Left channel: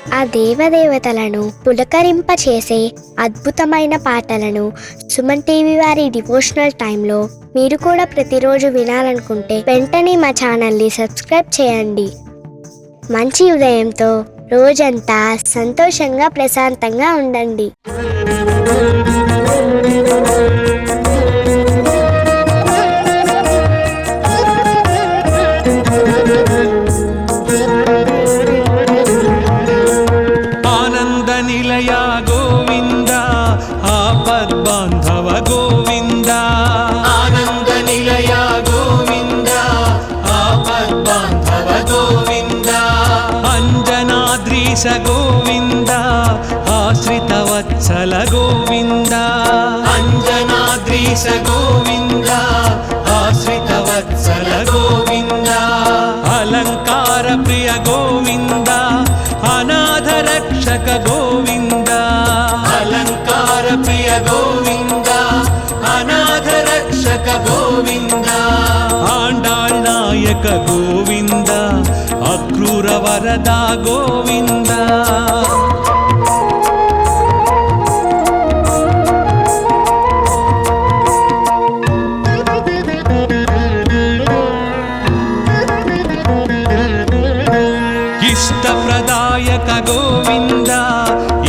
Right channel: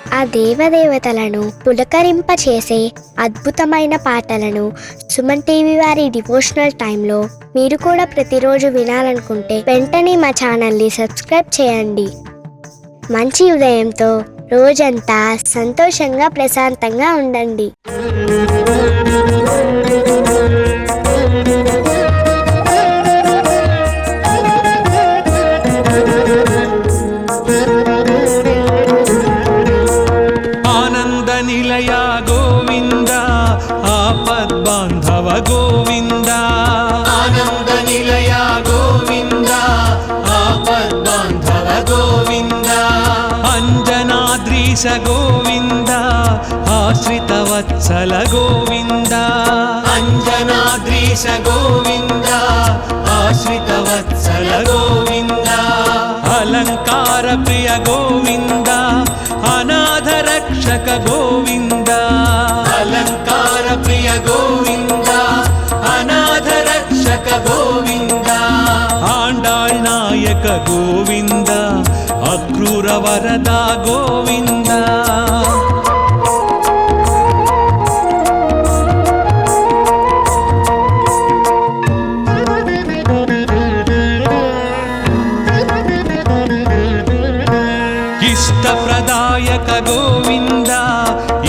ఆ దేవదేవతలను పులకరింపచేసే అద్భుతమైన పాటలను సుమన్ టీవీ వారి డివోషనల్ టైంలో మీరు కూడా ప్రతిరోజు వినాలనుకుంటే వెంటనే మా ఛానల్ని సబ్స్క్రైబ్ చేయండి. మంచి ఉదయంతో రోజంతా సంతోషంగా ప్రశాంతంగా ఉండండి. నిలయ గోవింద ఆపద్బాంధవ గోవింద ఆనంద నిలయ గోవింద ఆపద్బాంధవ గోవింద అంజనాద్రీశ గోవింద ఆశ్రిత వత్సల గోవింద అంజనాద్రీశ గోవింద ఆశ్రిత వత్సల గోవింద అలంకార ప్రియ గోవింద అనాథ రక్షక గోవింద అలంకార ప్రియ గోవింద అనాథ రక్షక గోవింద ఆండాళ్ నాయక గోవింద అక్రూర వరద గోవింద ఇష్టప్రదాయక గోవింద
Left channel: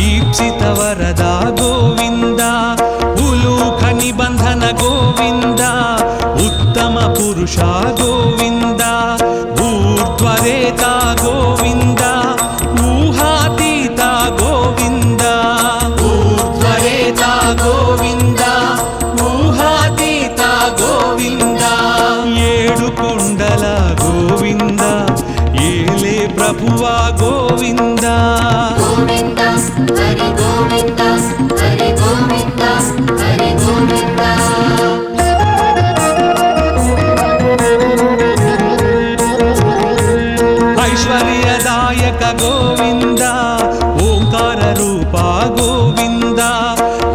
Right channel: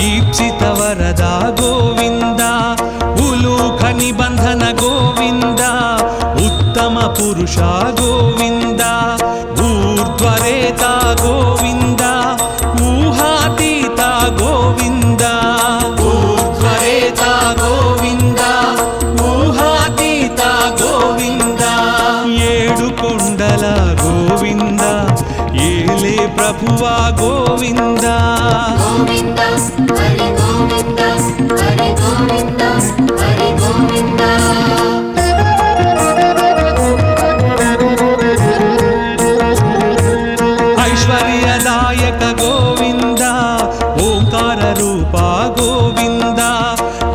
ఈప్సిత వరద గోవింద ఉలూఖ నిబంధన గోవింద ఉత్తమ పురుష గోవింద ఊర్ధ్వరేత గోవింద ఊహాతీత గోవింద ఊర్ధ్వరేత గోవింద ఊహాతీత గోవింద ఏడు కొండల గోవింద ఏలే ప్రభువా గోవింద ఐశ్వర్యదాయక గోవింద ఓంకార రూప గోవింద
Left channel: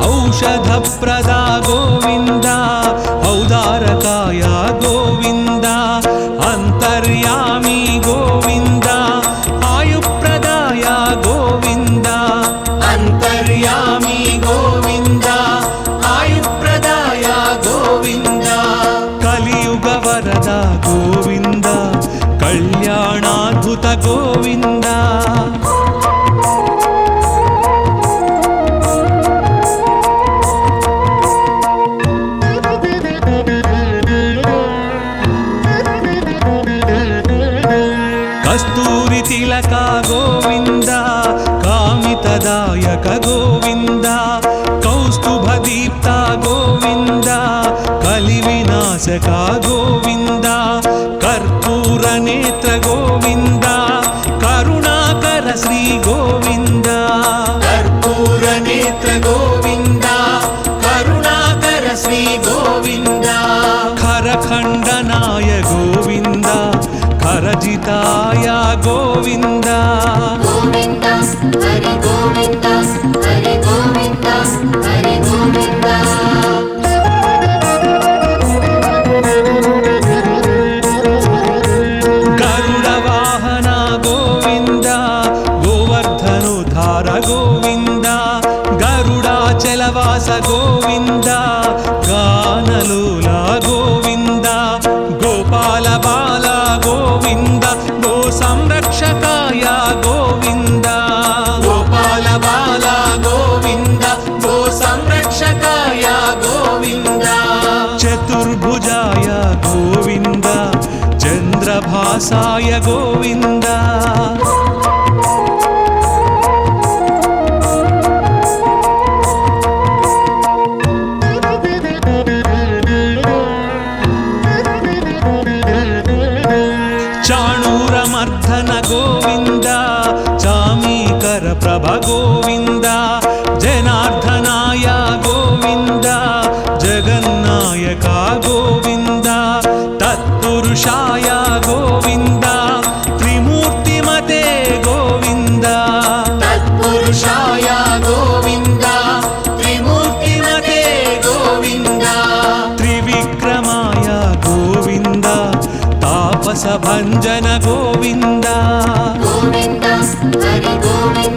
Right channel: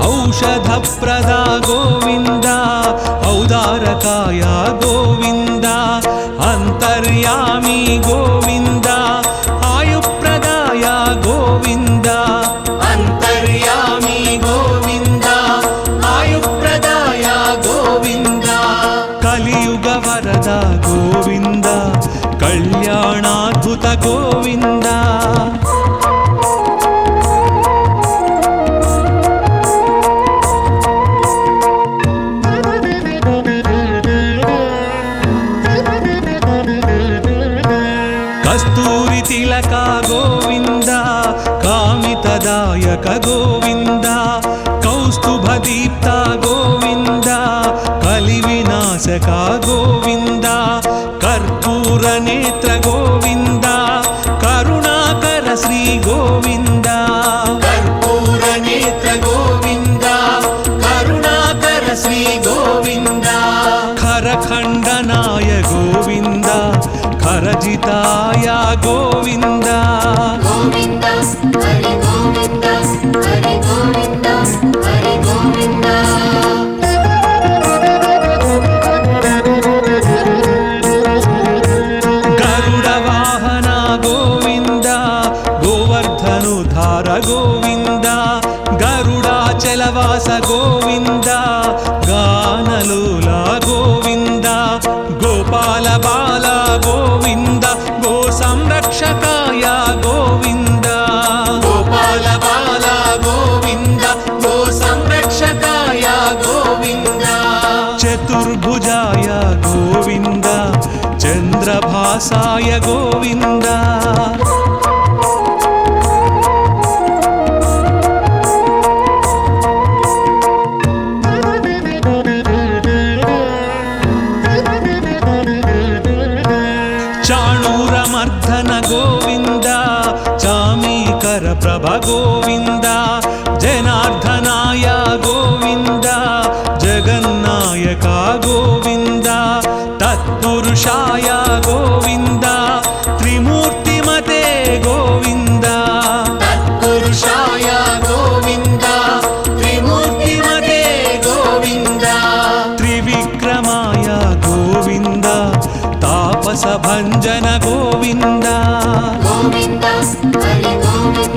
ఔషధ ప్రద గోవింద ఔదారకాయ గోవింద అంతర్యామి గోవింద ఆయుప్రదాయ గోవింద అంతర్యామి గోవింద ఆయుప్రదాయ గోవింద కలియుగ వరద గోవింద కళ్యాణాద్భుత గోవింద కస్తూరి తిలక గోవింద కామితదాయక గోవింద కౌస్తుభ దీప్త గోవింద కలి వినాశక గోవింద కర్పూర నేత్ర గోవింద కరుణాకర శ్రీ గోవింద కర్పూర నేత్ర గోవింద కరుణాకర శ్రీ గోవింద ఖరఖండనాయ గోవింద ఖరజితాయ గోవింద గరుడ వాహన గోవింద గోవర్ధనుధార గోవింద గరుడాచలవాస గోవింద గానలోల గోవింద గోపాల బాల గోవింద గో సంరక్షకాయ గోవింద గోపాల బాల గోవింద గో సంరక్షకాయ గోవింద చతుర్భుజాయ గోవింద చంద్రభాసాయ గోవింద చాణూరమర్ధన గోవింద చామీకర ప్రభ గోవింద జనార్దనాయ గోవింద జగన్నాయక గోవింద తత్పురుషాయ గోవింద త్రిమూర్తిమతే గోవింద తత్పురుషాయ గోవింద త్రిమూర్తిమతే గోవింద త్రివిక్రమాయ గోవింద తాపస భంజన గోవింద గోవింద హరి గోవింద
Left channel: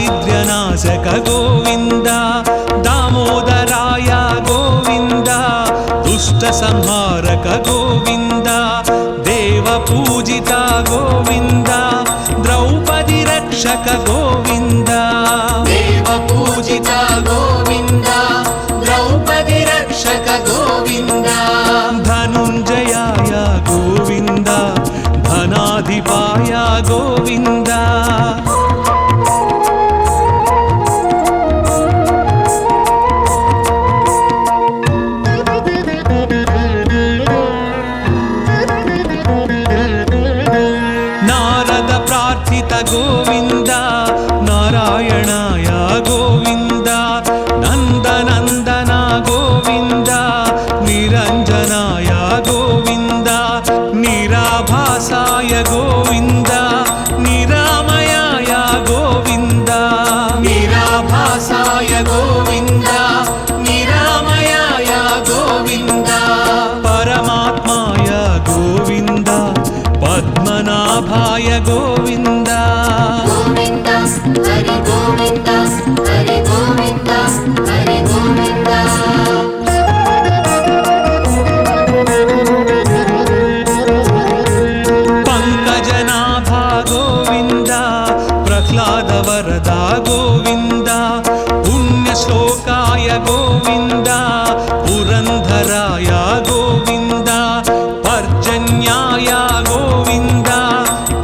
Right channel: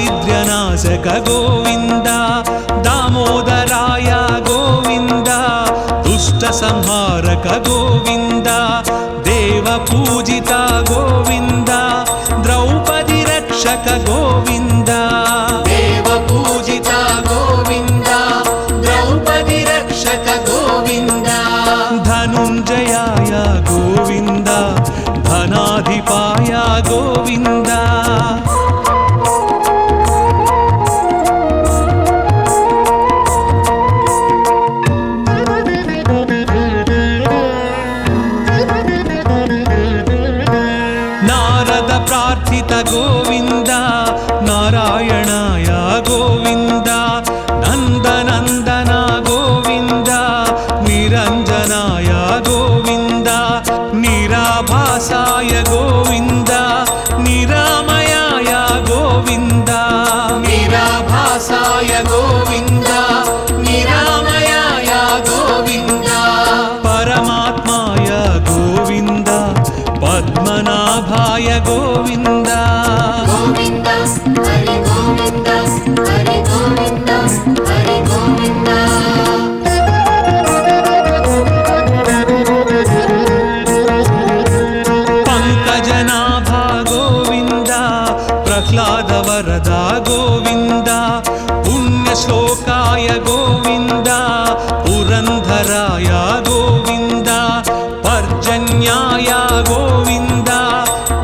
दारिद्र्यनाशक गोविन्द दामोदराय गोविन्द दुष्टसंहारक गोविन्द देवपूजिता गोविन्द द्रौपदी रक्षक गोविन्द देवपूजिता गोविन्द द्रौपदी रक्षक गोविन्द धनुञ्जयाय गोविन्द धनाधिपाय गोविन्द नारद प्रार्थित गोविन्द नारायणाय गोविन्द नन्दनन्दन गोविन्द निरञ्जनाय गोविन्द निराभासाय गोविन्द निरामयाय गोविन्द निराभासाय गोविन्द निरामयाय गोविन्द परमात्माय गोविन्द पद्मनाभाय गोविन्द पंकजनाभा गोविन्द प्रह्लाद वरदा गोविन्द पुण्यश्लोकाय गोविन्द पुरंधराय गोविन्द पर्जन्याय गोविन्द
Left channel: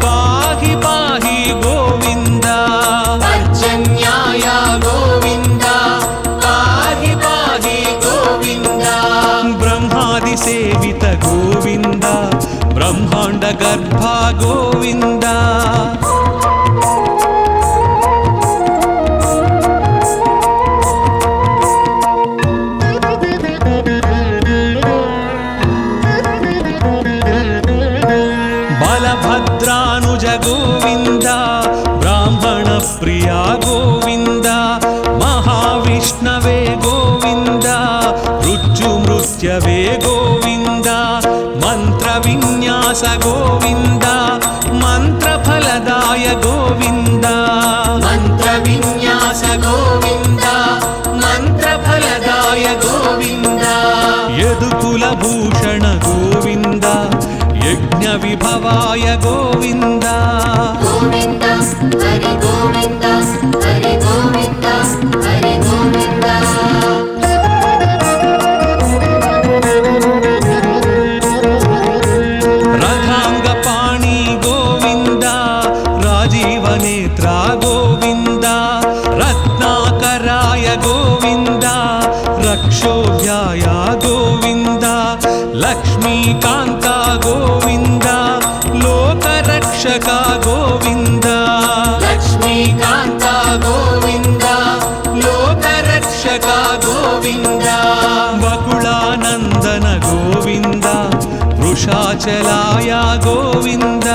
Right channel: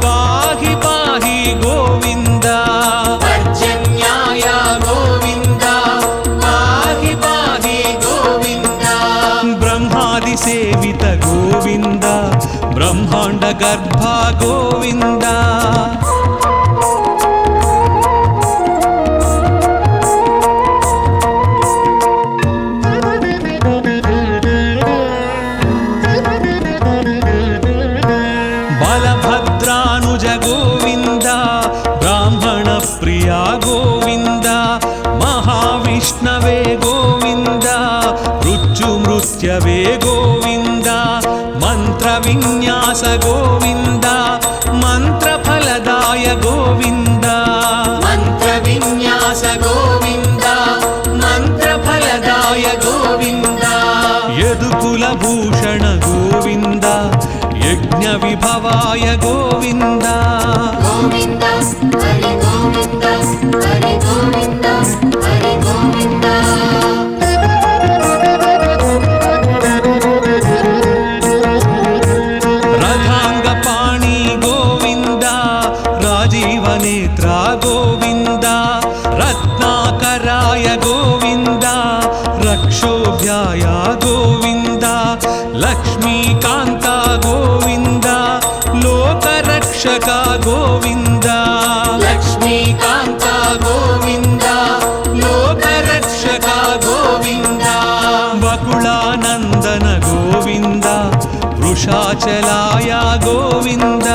पाहि पाहि गोविन्द पर्जन्याय गोविन्द पाहि पाहि गोविन्द ब्रह्मादि सेवित गोविन्द ब्रह्मांड गर्भ गोविन्द बलभद्रानुज गोविन्द ब्राह्मण प्रिया गोविन्द महाविष्णवे गोविन्द मृत्युमृत्यवे गोविन्द मंत्रविन्यास गोविन्द मंत्रफलदाय गोविन्द मंत्रविन्यास गोविन्द मंत्रफलदाय गोविन्द यदुकुलभूषण गोविन्द यज्ञ विभवाय गोविन्द रथांगपाणि गोविन्द राजीवनेत्रा गोविन्द रत्नाकराय गोविन्द रक्षोभ्याय गोविन्द लक्ष्मीकान्ता गोविन्द लोकरक्षक गोविन्द लक्ष्मीकान्ता गोविन्द लोकरक्षक गोविन्द वकुलानन्दन गोविन्द वृषाचलाय गोविन्द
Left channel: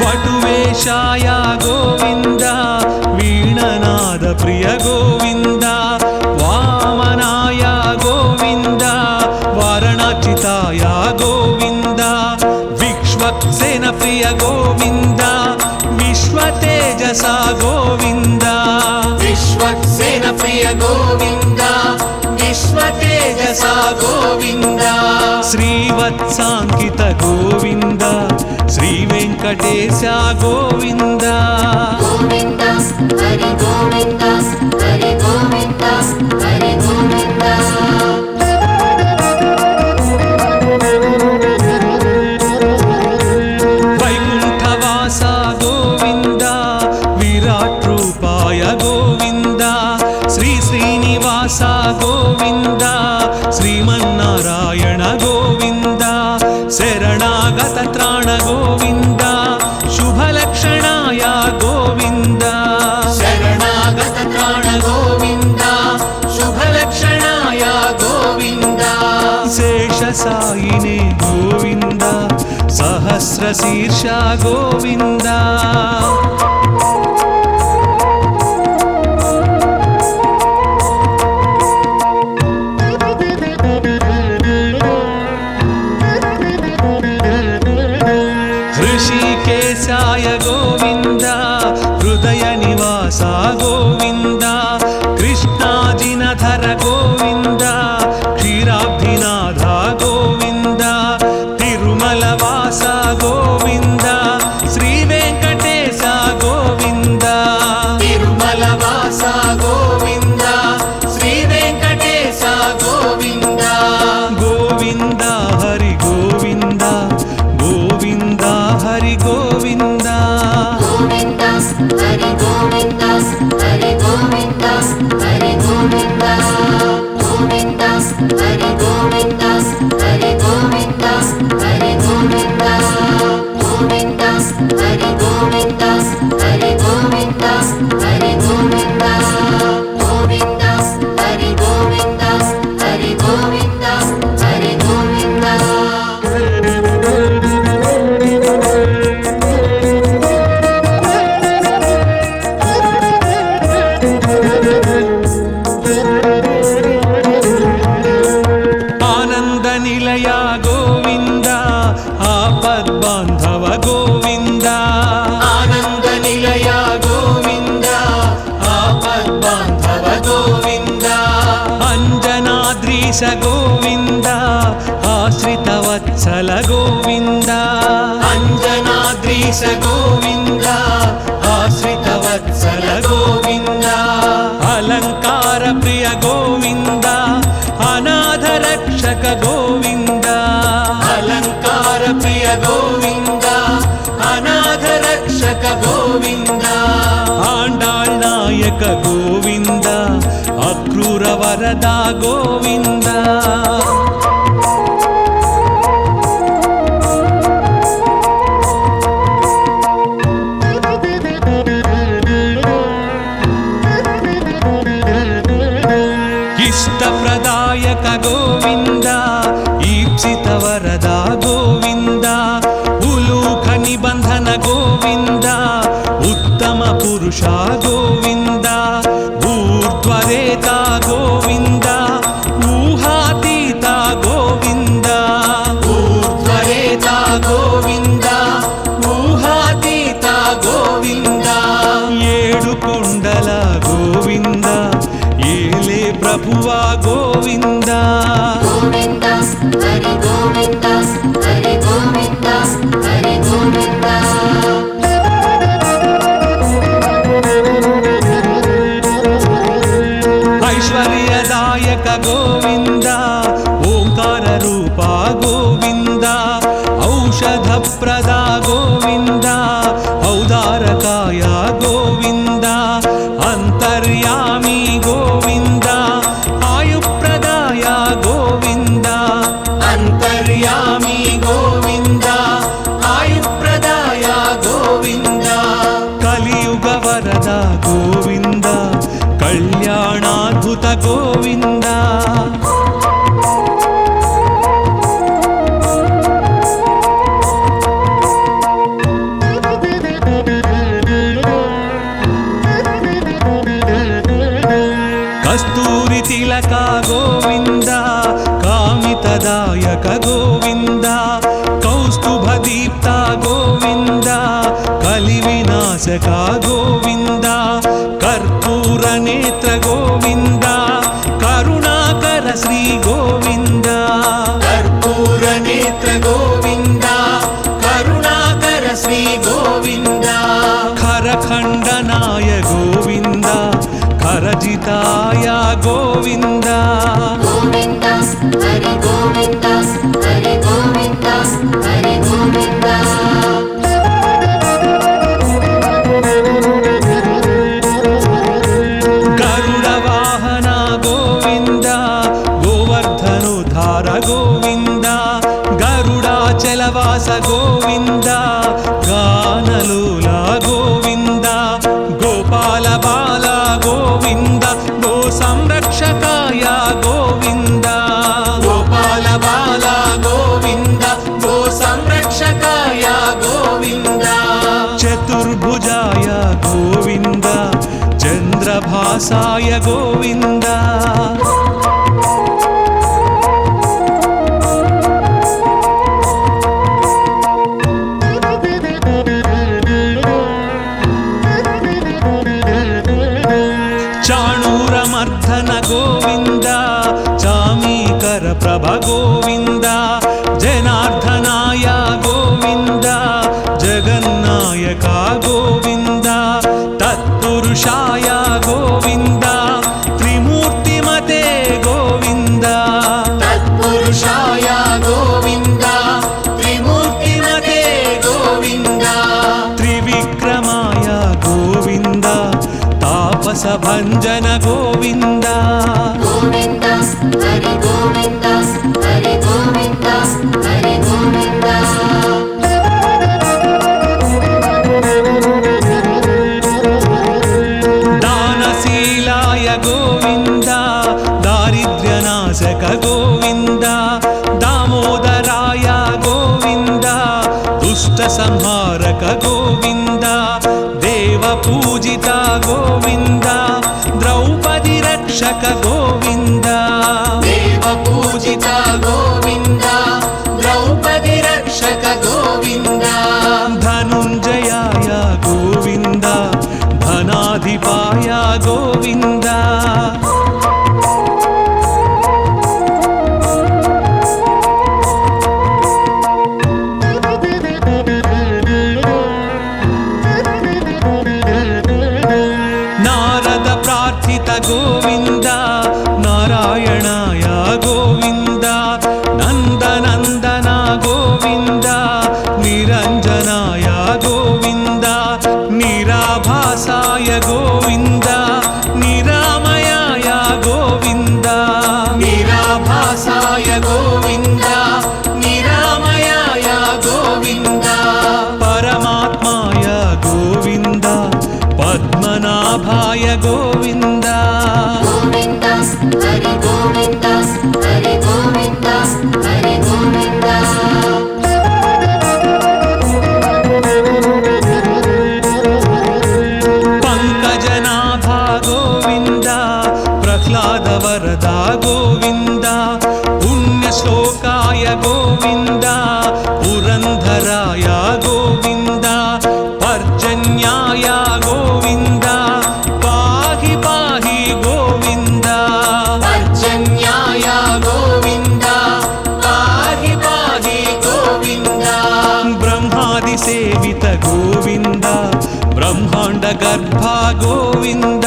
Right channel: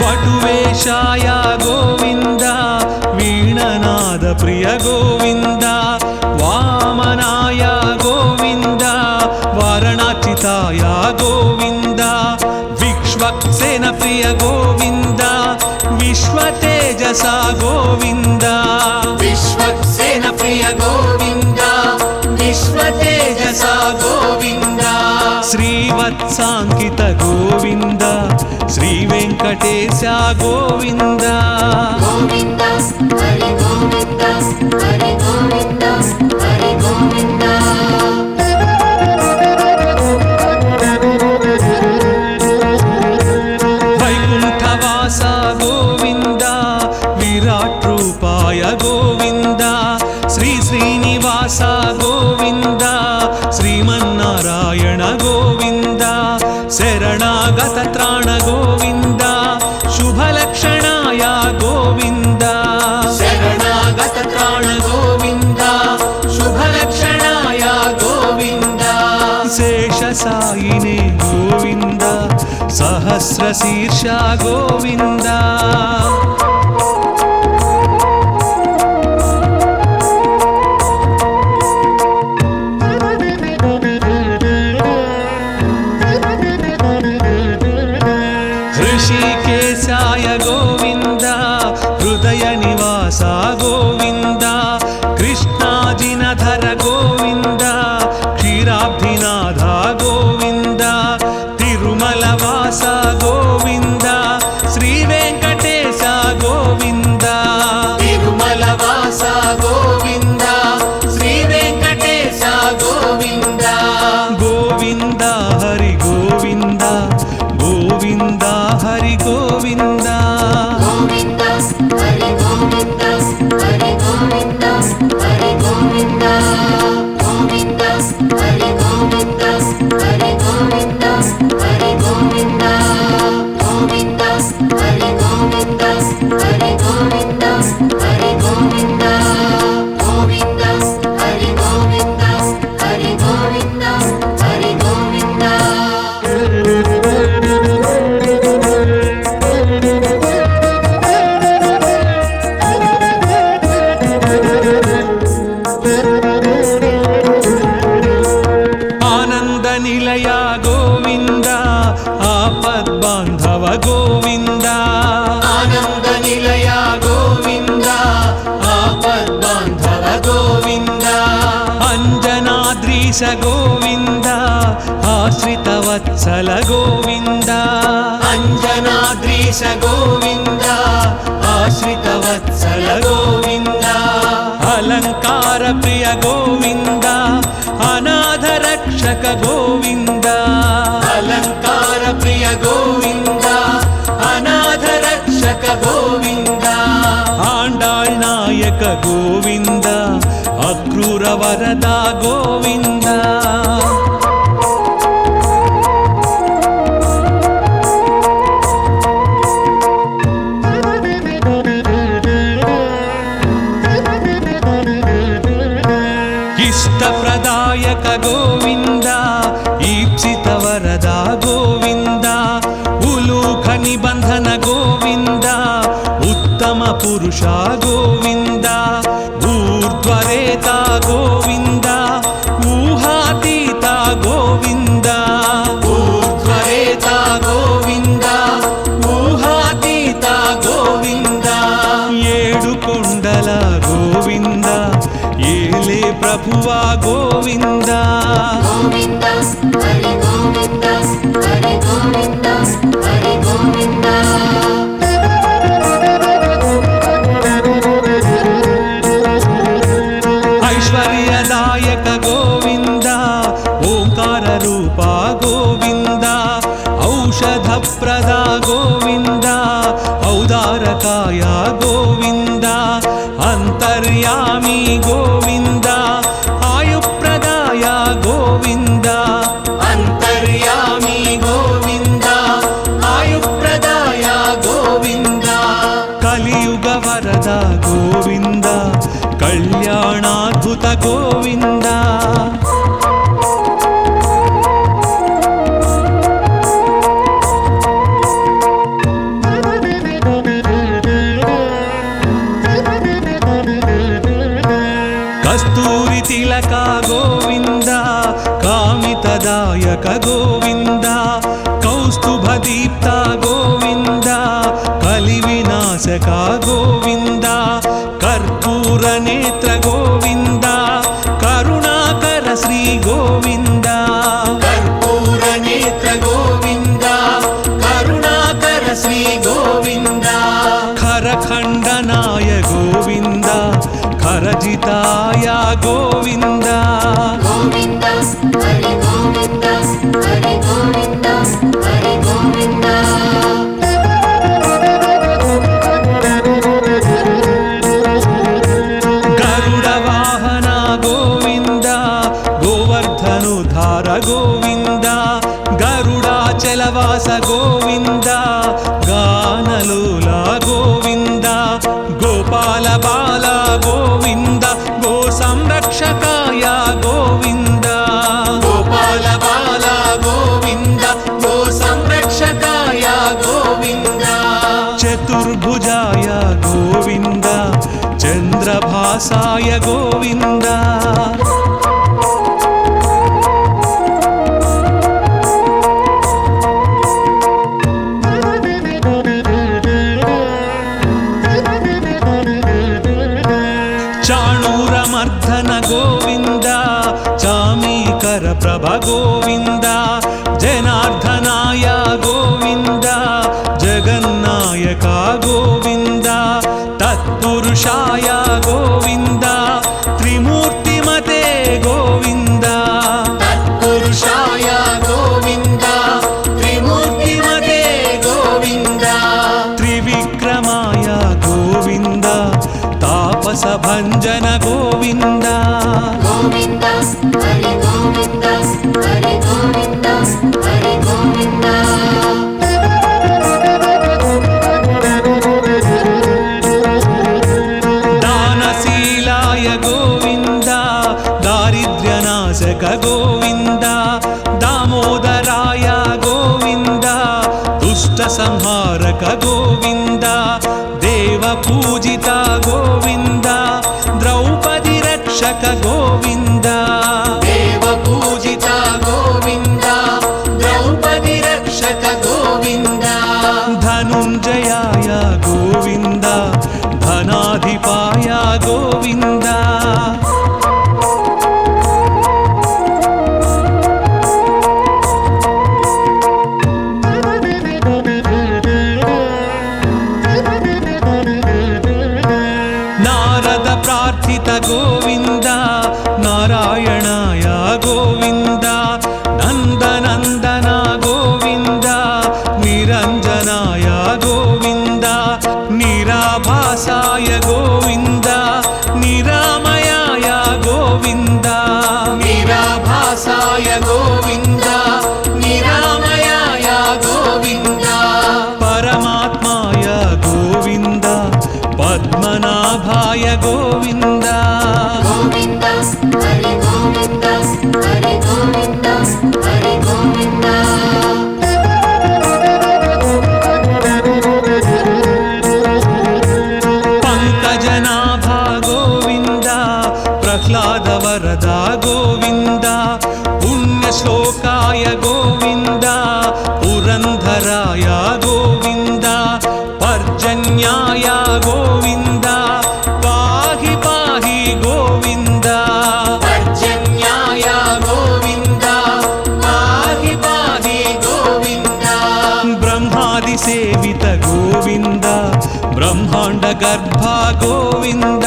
वटुवेशाय गोविन्द वीणनाद प्रिय गोविन्द वामनाय गोविन्द वारणाचिताय गोविन्द विश्वक्सेन प्रिय गोविन्द विश्वतेजसा गोविन्द विश्वक्सेन प्रिय गोविन्द विश्वतेजसा गोविन्द श्रीवत्साङ्कित गोविन्द श्रीवेङ्कटेश गोविन्द वैकुण्ठवास गोविन्द विराट रूपाय गोविन्द श्री श्रीनिवास गोविन्द श्रीमन्नारायण गोविन्द शरणागत त्राण गोविन्द शुभलक्षणाय गोविन्द शरणागत त्राण गोविन्द शुभलक्षणाय गोविन्द शेषसायिने गोविन्द सहस्रशीर्ष गोविन्द హృదయ నివాస గోవింద కృష్ణాజినధర గోవింద క్షీరాబ్ధినాథ గోవింద తిరుమల వాస గోవింద శ్రీ వెంకటేశ గోవింద తిరుమల వాస గోవింద శ్రీ వెంకటేశ గోవింద గోవింద హరి గోవింద గోవింద హరి గోవింద ఆనంద నిలయ గోవింద ఆపద్బాంధవ గోవింద ఆనంద నిలయ గోవింద ఆపద్బాంధవ గోవింద అంజనాద్రీశ గోవింద ఆశ్రిత వత్సల గోవింద అంజనాద్రీశ గోవింద ఆశ్రిత వత్సల గోవింద అలంకార ప్రియ గోవింద అనాథ రక్షక గోవింద అలంకార ప్రియ గోవింద అనాథ రక్షక గోవింద ఆండాళ్ నాయక గోవింద అక్రూర వరద గోవింద ఇష్టప్రదాయక గోవింద ఈప్సిత వరద గోవింద ఉలూఖ నిబంధన గోవింద ఉత్తమ పురుష గోవింద ఊర్ధ్వరేత గోవింద ఊహాతీత గోవింద ఊర్ధ్వరేత గోవింద ఊహాతీత గోవింద ఏడు కొండల గోవింద ఏలే ప్రభువా గోవింద ఐశ్వర్యదాయక గోవింద ఓంకార రూప గోవింద ఔషధ ప్రద గోవింద ఔదారకాయ గోవింద అంతర్యామి గోవింద ఆయుప్రదాయ గోవింద అంతర్యామి గోవింద ఆయుప్రదాయ గోవింద కలియుగ వరద గోవింద కళ్యాణాద్భుత గోవింద కస్తూరి తిలక గోవింద కామితదాయక గోవింద కౌస్తుభ దీప్త గోవింద కలి వినాశక గోవింద కర్పూర నేత్ర గోవింద కరుణాకర శ్రీ గోవింద కర్పూర నేత్ర గోవింద కరుణాకర శ్రీ గోవింద ఖరఖండనాయ గోవింద ఖరజితాయ గోవింద గరుడ వాహన గోవింద గోవర్ధనుధార గోవింద గరుడాచలవాస గోవింద గానలోల గోవింద గోపాల బాల గోవింద గో సంరక్షకాయ గోవింద గోపాల బాల గోవింద గో సంరక్షకాయ గోవింద చతుర్భుజాయ గోవింద చంద్రభాసాయ గోవింద జగన్మర్ధన గోవింద చామీకర ప్రభ గోవింద జనార్దనాయ గోవింద జగన్నాయక గోవింద తత్పురుషాయ గోవింద త్రిమూర్తిమతే గోవింద తత్పురుషాయ గోవింద త్రిమూర్తిమతే గోవింద త్రివిక్రమాయ గోవింద తాపస భంజన గోవింద గోవింద హరి గోవింద హరి గోవింద హరి గోవింద దానశీలాయ గోవింద దారిద్ర్యనాశక గోవింద దామోదరాయ గోవింద దుష్ట సంహారక గోవింద దేవ పూజిత గోవింద ద్రౌపది రక్షక గోవింద దేవ పూజిత గోవింద ద్రౌపది రక్షక గోవింద ధనుంజయాయ గోవింద ధనాధిపాయ గోవింద నారద ప్రార్థిత గోవింద నారాయణాయ గోవింద నందనందన గోవింద నిరంజనాయ గోవింద నిరాభాసాయ గోవింద నిరామయాయ గోవింద నిరాభాసాయ గోవింద నిరామయాయ గోవింద పరమాత్మాయ గోవింద పద్మనాభాయ గోవింద గోవింద హరి గోవింద హరి గోవింద హరి గోవింద పంకజనాభా గోవింద ప్రహ్లాద వరద గోవింద పుణ్యశ్లోకాయ గోవింద పురంధరాయ గోవింద పర్జన్యాయ గోవింద పాహి పాహి గోవింద పర్జన్యాయ గోవింద పాహి పాహి గోవింద బ్రహ్మాది సేవిత గోవింద బ్రహ్మాండ గర్భ గోవింద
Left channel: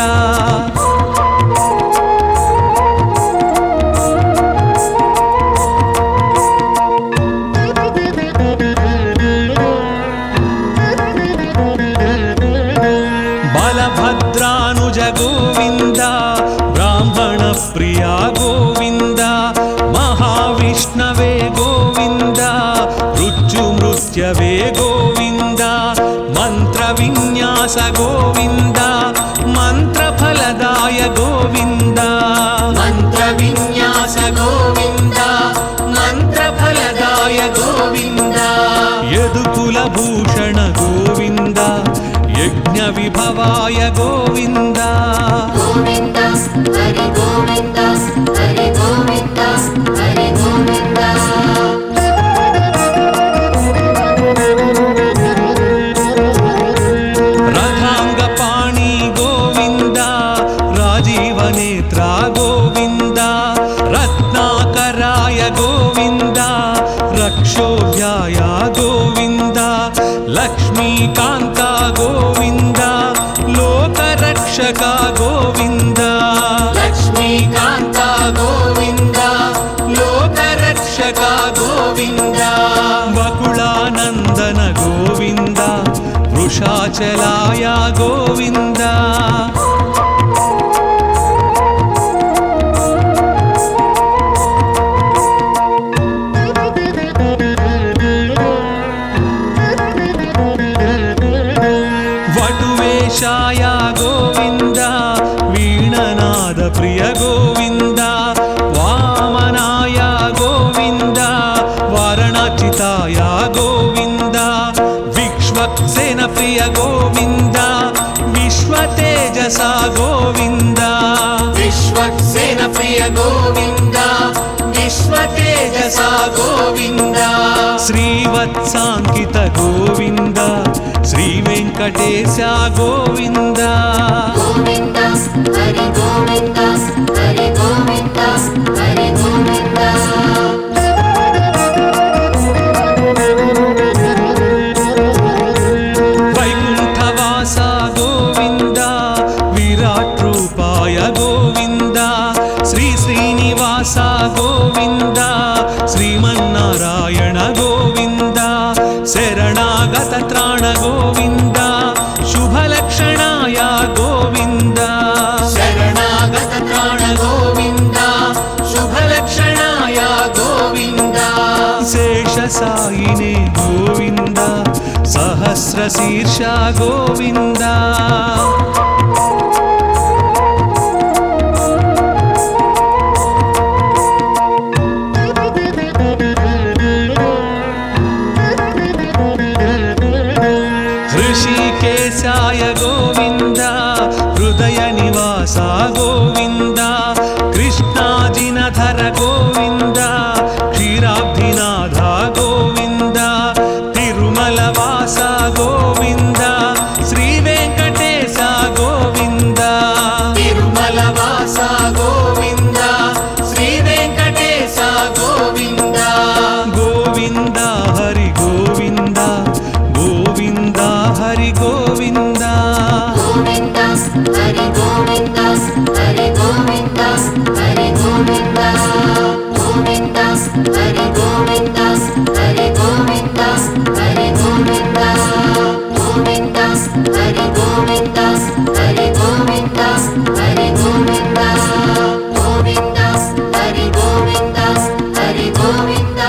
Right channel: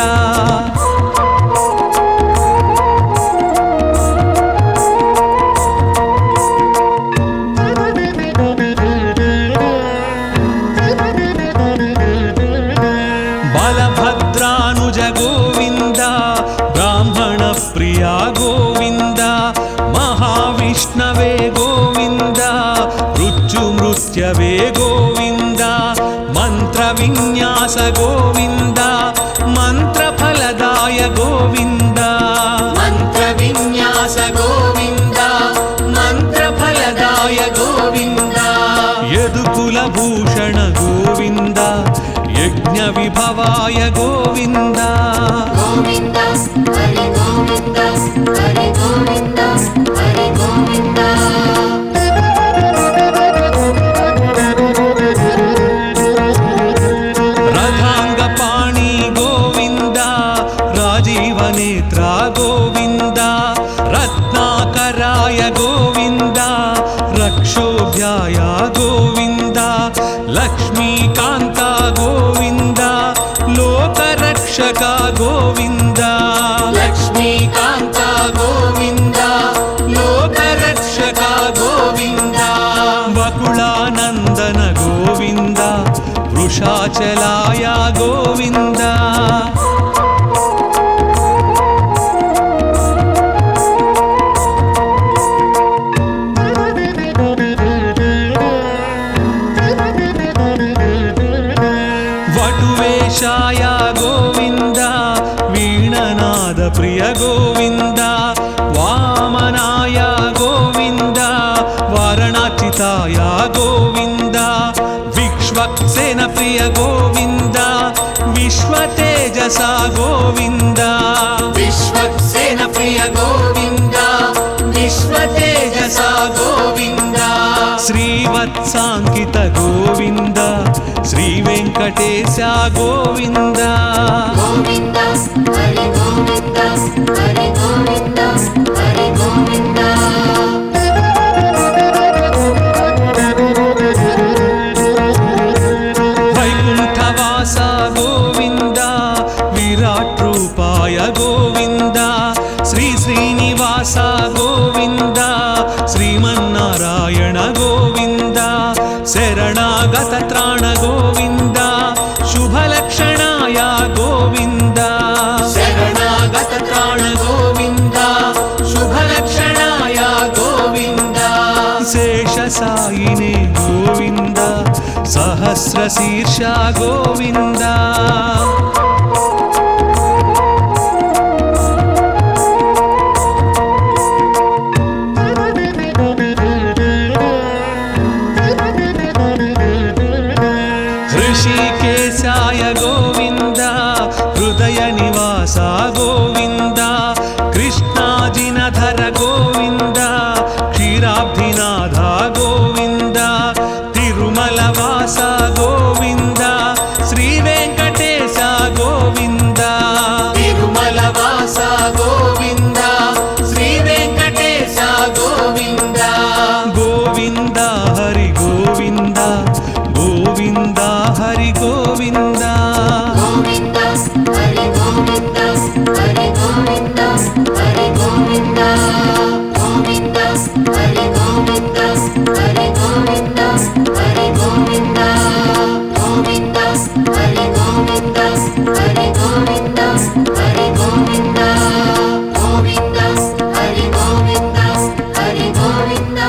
బలభద్రానుజ గోవింద బ్రాహ్మణ ప్రియా గోవింద మహావిష్ణవే గోవింద మృత్యుమృత్యవే గోవింద మంత్ర విన్యాస గోవింద మంత్రఫలదాయ గోవింద మంత్ర విన్యాస గోవింద మంత్రఫలదాయ గోవింద యదుకుల భూషణ గోవింద యజ్ఞ విభవాయ గోవింద గోవింద హరి గోవింద హరి గోవింద హరి గోవింద రథాంగ పాణి గోవింద రాజీవ నేత్ర గోవింద రత్నాకరాయ గోవింద రక్షోభ్యాయ గోవింద లక్ష్మీకాంత గోవింద లోకరక్షక గోవింద లక్ష్మీకాంత గోవింద లోకరక్షక గోవింద వకుళానందన గోవింద వృషాచలాయ గోవింద వటువేషాయ గోవింద వీణనాద ప్రియ గోవింద వామనాయ గోవింద వారణాచితాయ గోవింద విక్ష్వక్సేన ప్రియ గోవింద విశ్వతేజస గోవింద విశ్వక్సేన ప్రియ గోవింద విశ్వతేజస గోవింద శ్రీవత్సాంకిత గోవింద శ్రీ వెంకటేశ గోవింద గోవింద హరి గోవింద శ్రీ శ్రీనివాస గోవింద శ్రీమన్నారాయణ గోవింద శరణాగత త్రాణ గోవింద శుభలక్షణాయ గోవింద శరణాగత త్రాణ గోవింద శుభలక్షణాయ గోవింద శేషసాయినే గోవింద సహస్రశీర్ష గోవింద ऋषिकेशाय गोविन्द हृदय निवास गोविन्द कृष्णाजिनधर गोविन्द क्षीराब्धिनाथ गोविन्द तिरुमलवास गोविन्द श्रीवेङ्कटेश गोविन्द तिरुमलवास गोविन्द श्रीवेङ्कटेश गोविन्द गोविन्द हरि गोविन्द गोविन्द हरि गोविन्द గోవింద హరి గోవింద హరి గోవింద హరి గోవింద గోవింద హరి గోవింద హరి గోవింద హరి గోవింద గోవింద హరి గోవింద హరి గోవింద హరి గోవింద గోవింద హరి గోవింద హరి గోవింద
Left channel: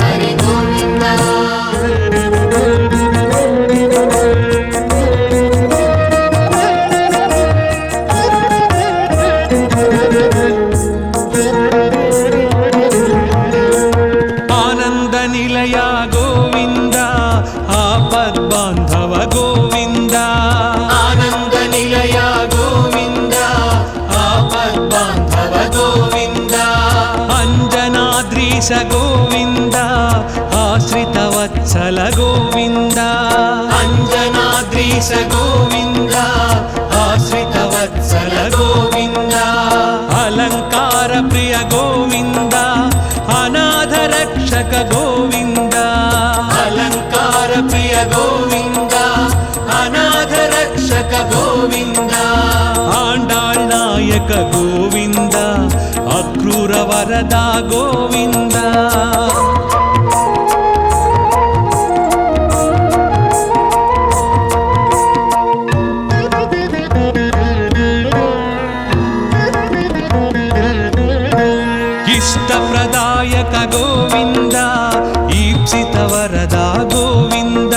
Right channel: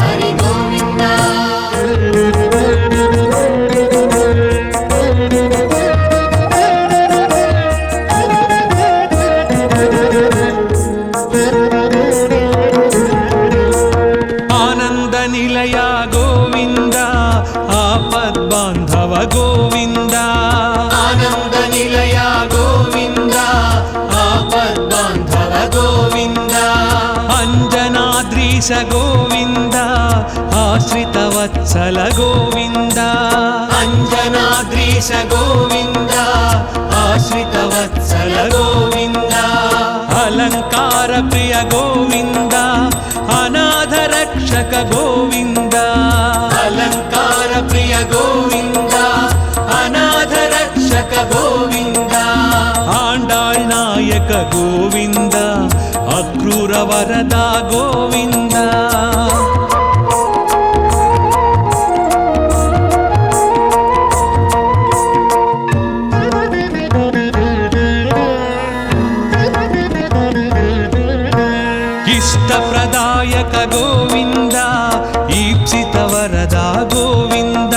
హరి గోవింద आनंद निलय गोविंद आपद्बांधव गोविंद आनंद निलय गोविंद आपद्बांधव गोविंद अंजनाद्रीश गोविंद आश्रित वत्सल गोविंद अंजनाद्रीश गोविंद आश्रित वत्सल गोविंद अलंकार प्रिय गोविंद अनाथ रक्षक गोविंद अलंकार प्रिय गोविंद अनाथ रक्षक गोविंद आंडाळ் नायक गोविंद अक्रूर वरदा गोविंद इष्टप्रदायक गोविंद ईप्सित वरदा गोविंद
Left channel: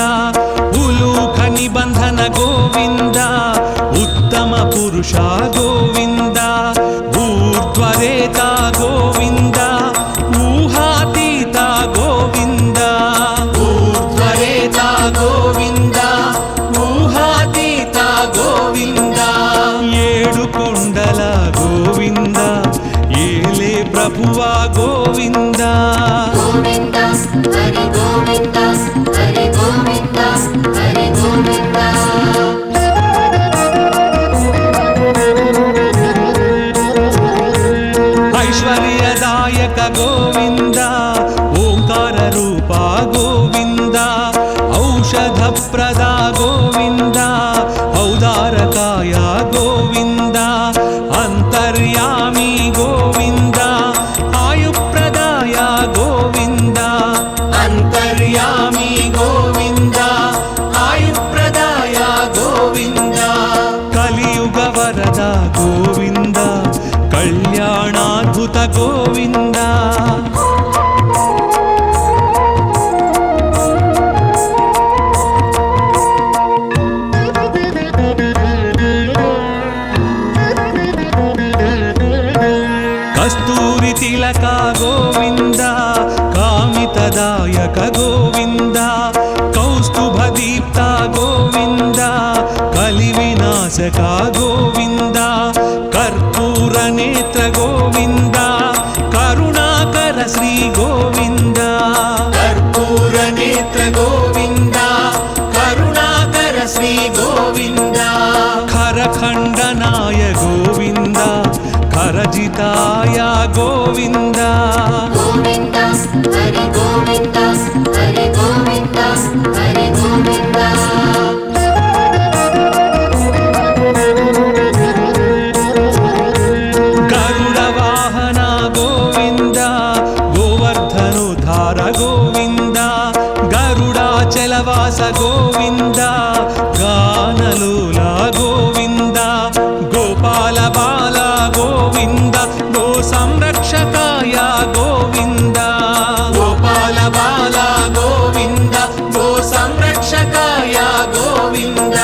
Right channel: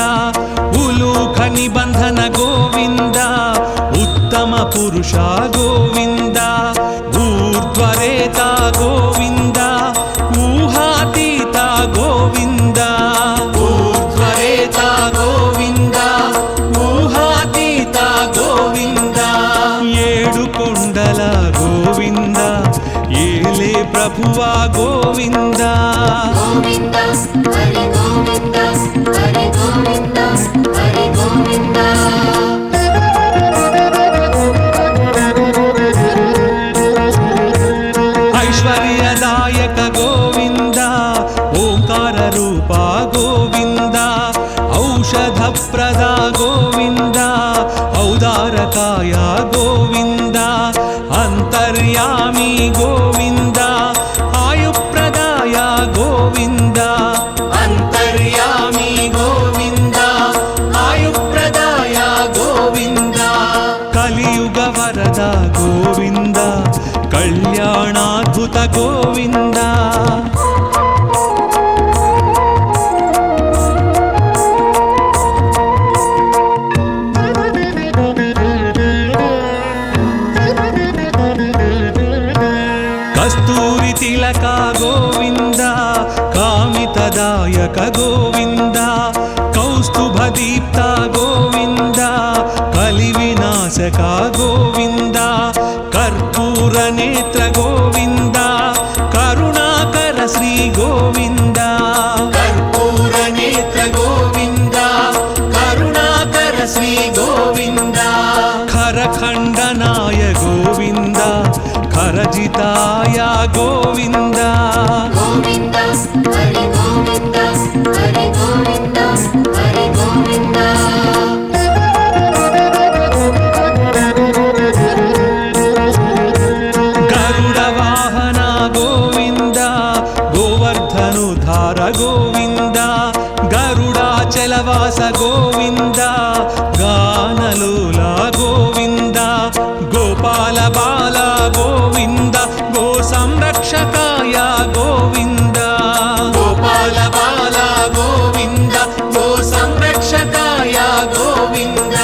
उलूख निबंधन गोविंद उत्तम पुरुषा गोविंद ऊर्ध्वरेता गोविंद ऊहातीता गोविंद ऊर्ध्वरेता गोविंद ऊहातीता गोविंद ఏడు కొండల గోవింద ఏలే ప్రభువా గోవింద గోవింద హరి గోవింద హరి గోవింద హరి గోవింద ऐश्वर्यदायक गोविंद ओंकार रूपा गोविंद औषध प्रदा गोविंद औदारकाय गोविंद अंतर्यामी गोविंद आयुप्रदाय गोविंद अंतर्यामी गोविंद आयुप्रदाय गोविंद कलियुग वरद गोविंद कल्याणाद्भुत गोविंद कस्तूरी तिलक गोविंद कामितदायक गोविंद कौस्तुभदीप्त गोविंद कलिविनाशक गोविंद कर्पूर नेत्र गोविंद करुणाकर श्री गोविंद कर्पूर नेत्र गोविंद करुणाकर श्री गोविंद खरखंडनाय गोविंद खरजिताय गोविंद గోవింద హరి గోవింద హరి గోవింద హరి గోవింద गरुडवाहन విహార గోవింద గరుడాచలవాస గోవింద గానలోల గోవింద గోపాల బాల గోవింద గో సంరక్షకాయ గోవింద గోపాల బాల గోవింద గో సంరక్షకాయ గోవింద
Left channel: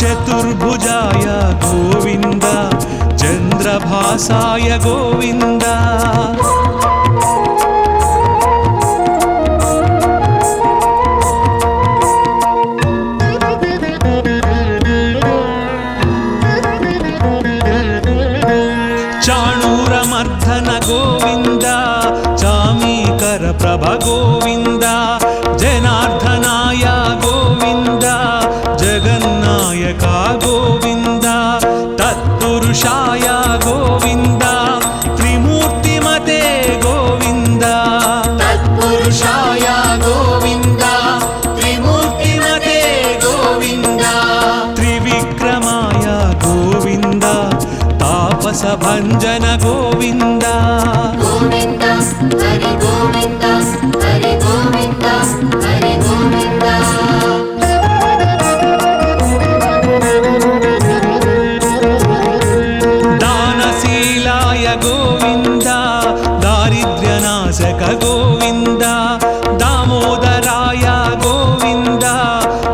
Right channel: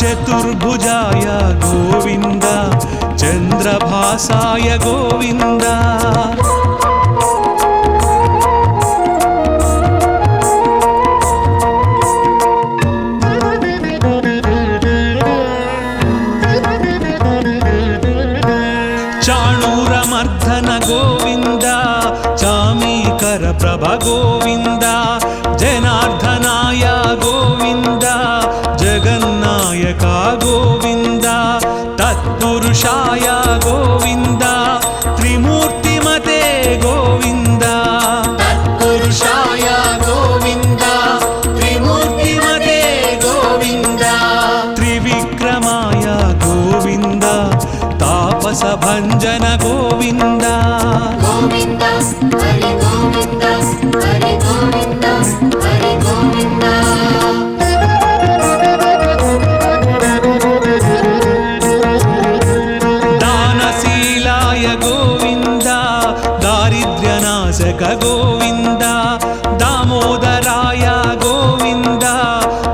చతుర్భుజాయ గోవింద చంద్రభాసాయ గోవింద చాణూరమర్ధన గోవింద చామీకర ప్రభ గోవింద జనార్దనాయ గోవింద జగన్నాయక గోవింద తత్పురుషాయ గోవింద త్రిమూర్తిమతే గోవింద తత్పురుషాయ గోవింద త్రిమూర్తిమతే గోవింద త్రివిక్రమాయ గోవింద తాపస భంజన గోవింద గోవింద హరి గోవింద హరి గోవింద హరి గోవింద దానశీలాయ గోవింద దారిద్ర్యనాశక గోవింద దామోదరాయ గోవింద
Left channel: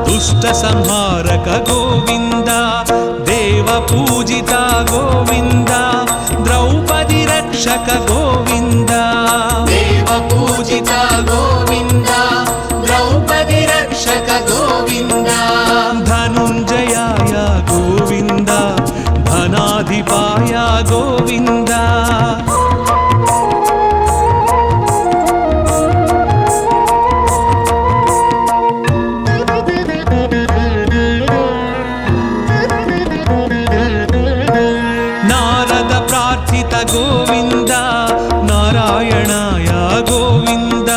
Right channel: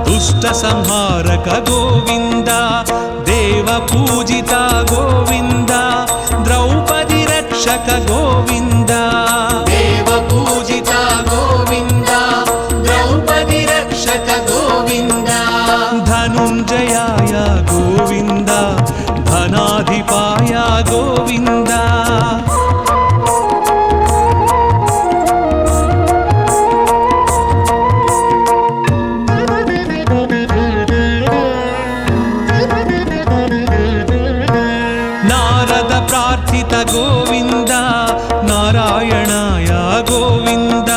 దుష్ట సంహారక గోవింద దేవ పూజిత గోవింద ద్రౌపది రక్షక గోవింద దేవ పూజిత గోవింద ద్రౌపది రక్షక గోవింద ధనుంజయాయ గోవింద ధనాధిపాయ గోవింద నారద ప్రార్థిత గోవింద నారాయణాయ గోవింద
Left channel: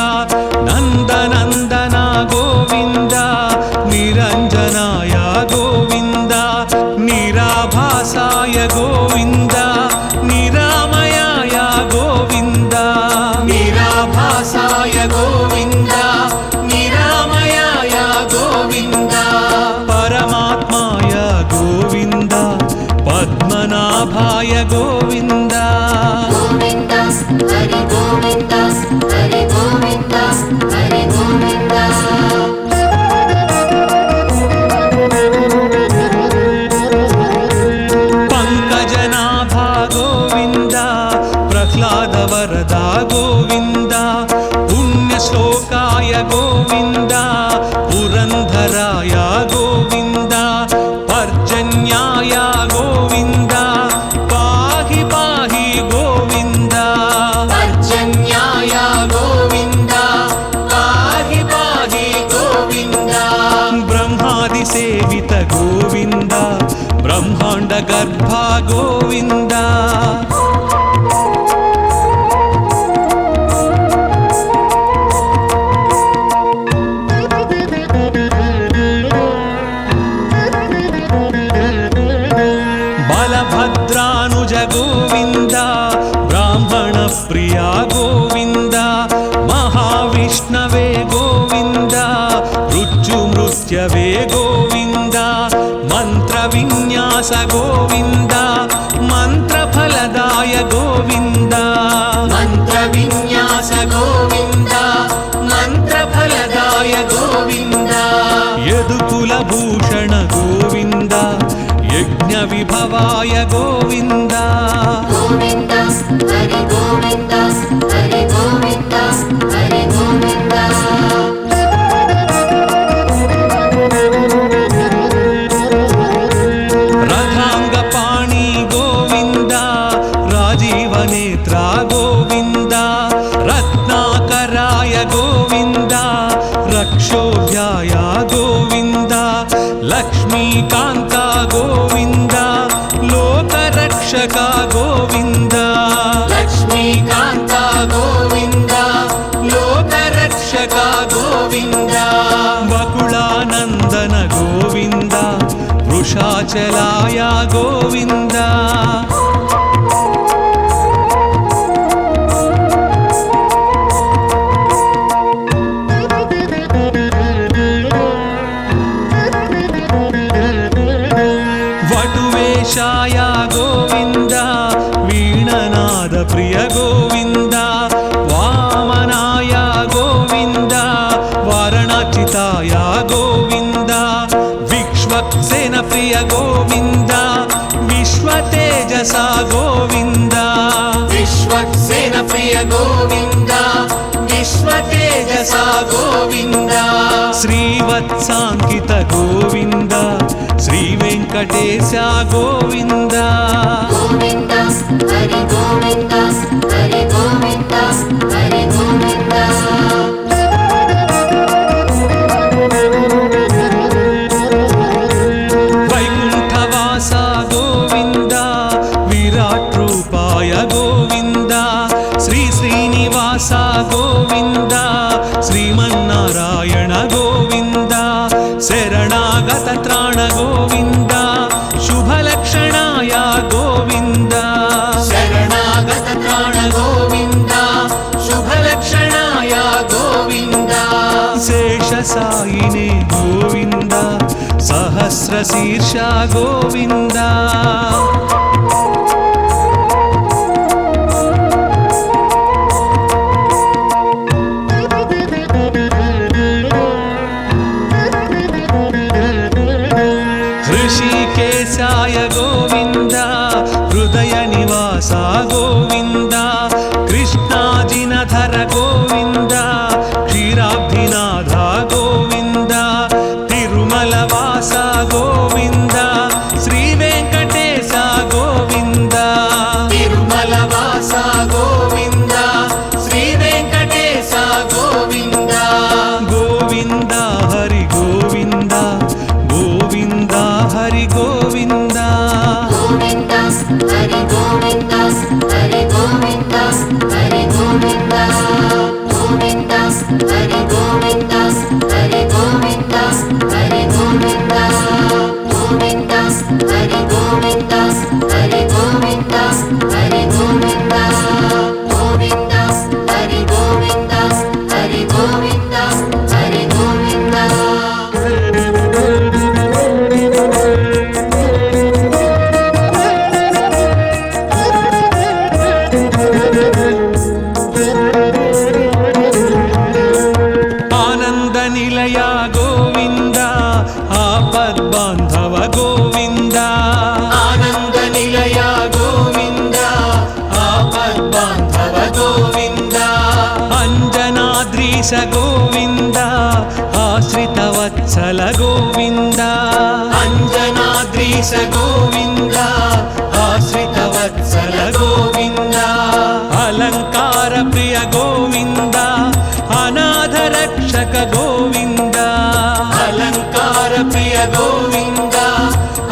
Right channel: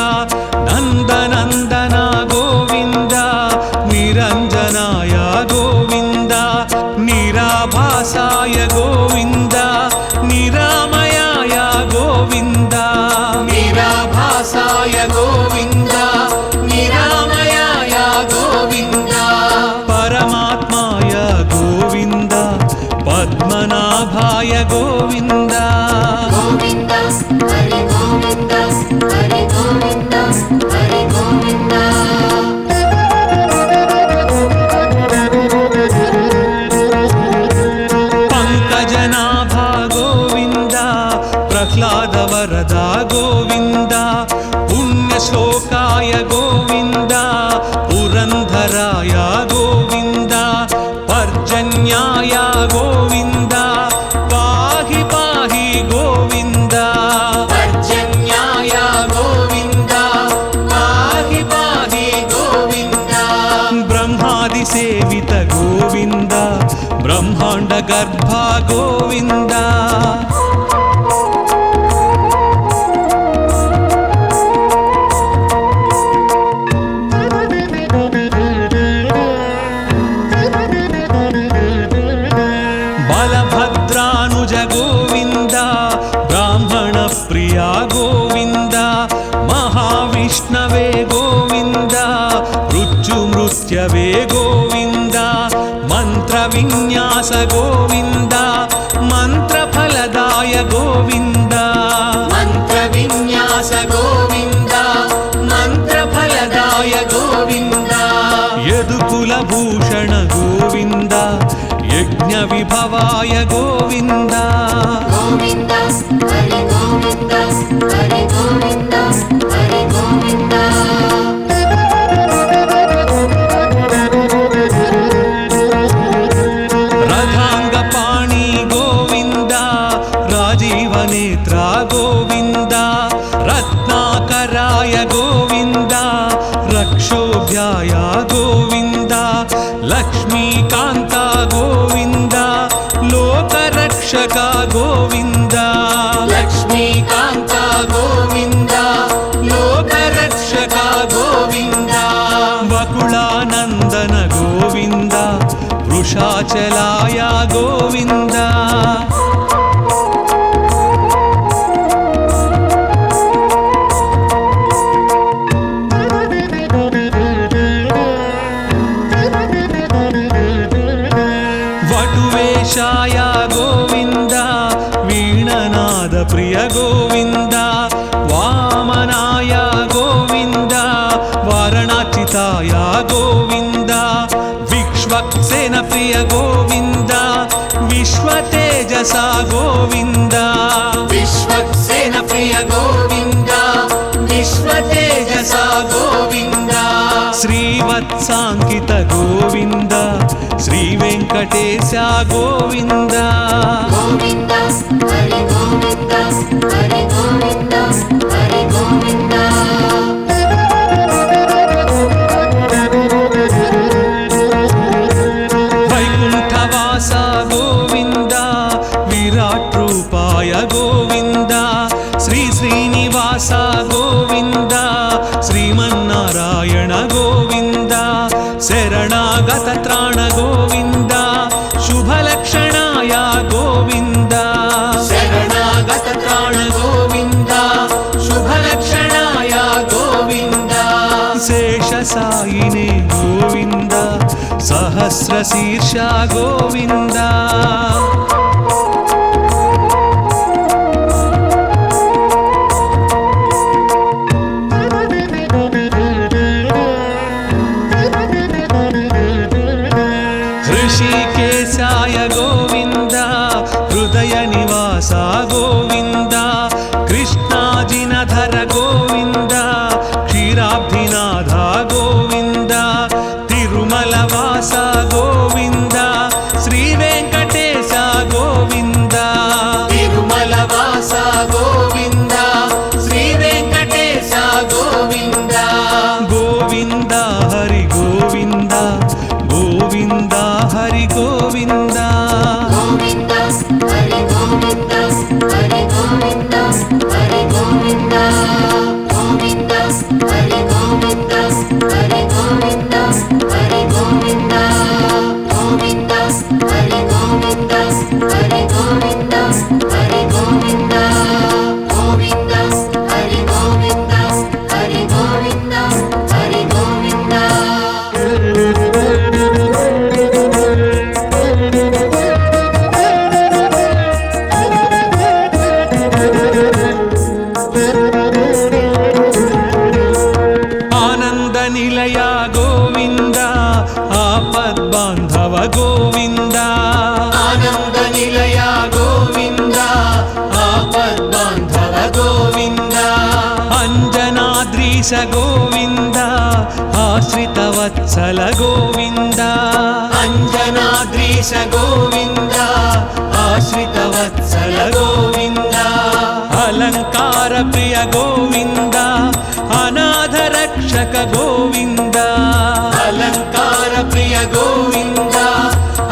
నందనందన గోవింద నిరంజనాయ గోవింద నిరాభాసాయ గోవింద నిరామయాయ గోవింద నిరాభాసాయ గోవింద నిరామయాయ గోవింద పరమాత్మాయ గోవింద పద్మనాభాయ గోవింద గోవింద హరి గోవింద హరి గోవింద హరి గోవింద పంకజనాభ గోవింద ప్రహ్లాద వరద గోవింద పుణ్యశ్లోకాయ గోవింద పురంధరాయ గోవింద పర్జన్యాయ గోవింద పాహి పాహి గోవింద పర్జన్యాయ గోవింద పాహి పాహి గోవింద బ్రహ్మాది సేవిత గోవింద బ్రహ్మాండ గర్భ గోవింద బలభద్రానుజ గోవింద బ్రాహ్మణ ప్రియ గోవింద మహావిష్ణవే గోవింద మృత్యుమృత్యవే గోవింద మంత్ర విన్యాస గోవింద మంత్రఫలదాయ గోవింద మంత్ర విన్యాస గోవింద మంత్రఫలదాయ గోవింద యదుకుల భూషణ గోవింద యజ్ఞ విభవాయ గోవింద గోవింద హరి గోవింద హరి గోవింద హరి గోవింద రథాంగ పాణి గోవింద రాజీవ నేత్ర గోవింద రత్నాకరాయ గోవింద రక్షోభ్యాయ గోవింద లక్ష్మీకాంత గోవింద లోకరక్షక గోవింద లక్ష్మీకాంత గోవింద లోకరక్షక గోవింద వకుళానందన గోవింద వృషాచలాయ గోవింద ప్రియ గోవింద వామనాయ గోవింద వారణాచితాయ గోవింద విక్ష్వక్సేన ప్రియ గోవింద విశ్వతేజస గోవింద విశ్వక్సేన ప్రియ గోవింద విశ్వతేజస గోవింద శ్రీవత్సాంకిత గోవింద శ్రీ వెంకటేశ గోవింద గోవింద హరి గోవింద హరి గోవింద హరి గోవింద వైకుంఠవాస గోవింద విరాట్ రూపాయ గోవింద శ్రీ శ్రీనివాస గోవింద శ్రీమన్నారాయణ గోవింద శరణాగత త్రాణ గోవింద శుభలక్షణాయ గోవింద శరణాగత త్రాణ గోవింద శుభలక్షణాయ గోవింద శేషసాయినే గోవింద సహస్రశీర్ష గోవింద ऋषिकेशाय गोविन्द हृदय निवास गोविन्द कृष्णाजिनधर गोविन्द क्षीराब्धिनाथ गोविन्द तिरुमलवास गोविन्द श्रीवेङ्कटेश गोविन्द तिरुमलवास गोविन्द श्रीवेङ्कटेश गोविन्द गोविन्द हरि गोविन्द गोविन्द हरि गोविन्द గోవింద హరి గోవింద హరి గోవింద హరి గోవింద గోవింద హరి గోవింద హరి గోవింద హరి గోవింద గోవింద హరి గోవింద హరి గోవింద హరి గోవింద గోవింద హరి గోవింద హరి గోవింద హరి గోవింద आनंद निलय गोविंद आपद्बांधव गोविंद आनंद निलय गोविंद आपद्बांधव गोविंद अंजनाद्रीश गोविंद आश्रितवत्सल गोविंद अंजनाद्रीश गोविंद आश्रितवत्सल गोविंद अलंकार प्रिय गोविंद अनाथ रक्षक गोविंद अलंकार प्रिय गोविंद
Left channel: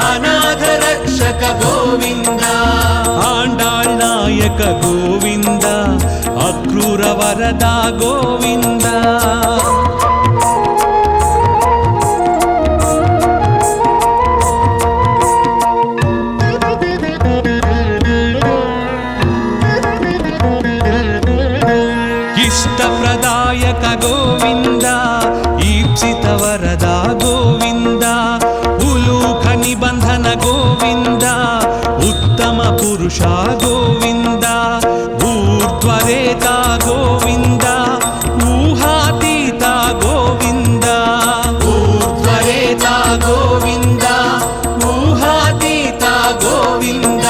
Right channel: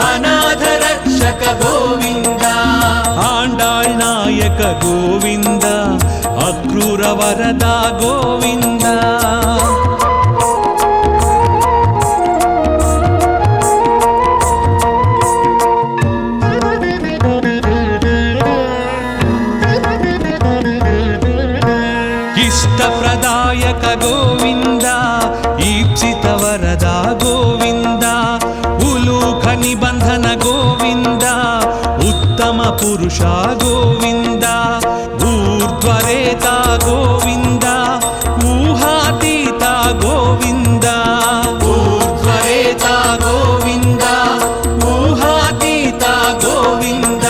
अनाथ रक्षक गोविंद आंडाळ नायक गोविंद अक्रूर वरदा गोविंद इष्टप्रदायक गोविंद ईप्सित वरदा गोविंद उलूख निबंधन गोविंद उत्तम पुरुषा गोविंद ऊर्ध्वरेता गोविंद ऊहातीता गोविंद ऊर्ध्वरेता गोविंद ऊहातीता गोविंद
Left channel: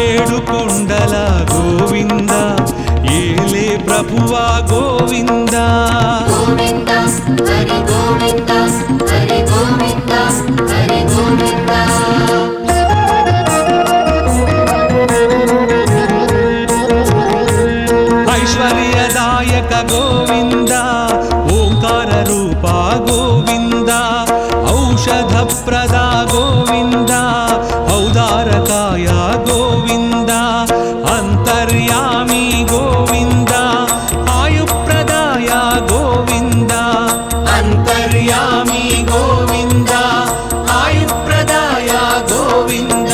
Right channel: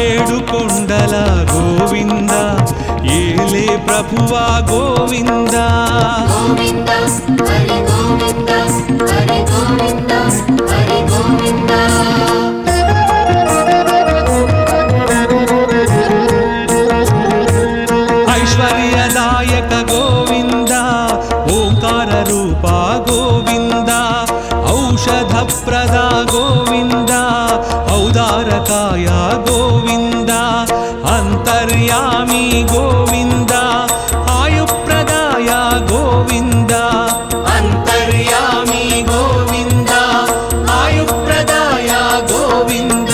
ఏడు కొండల గోవింద ఏలే ప్రభువా గోవింద గోవింద హరి గోవింద హరి గోవింద హరి గోవింద ऐश्वर्यदायक गोविंद ओंकार रूपा गोविंद औषधप्रदा गोविंद औदारकाय गोविंद अंतर्यामी गोविंद आयुप्रदाय गोविंद अंतर्यामी गोविंद आयुप्रदाय गोविंद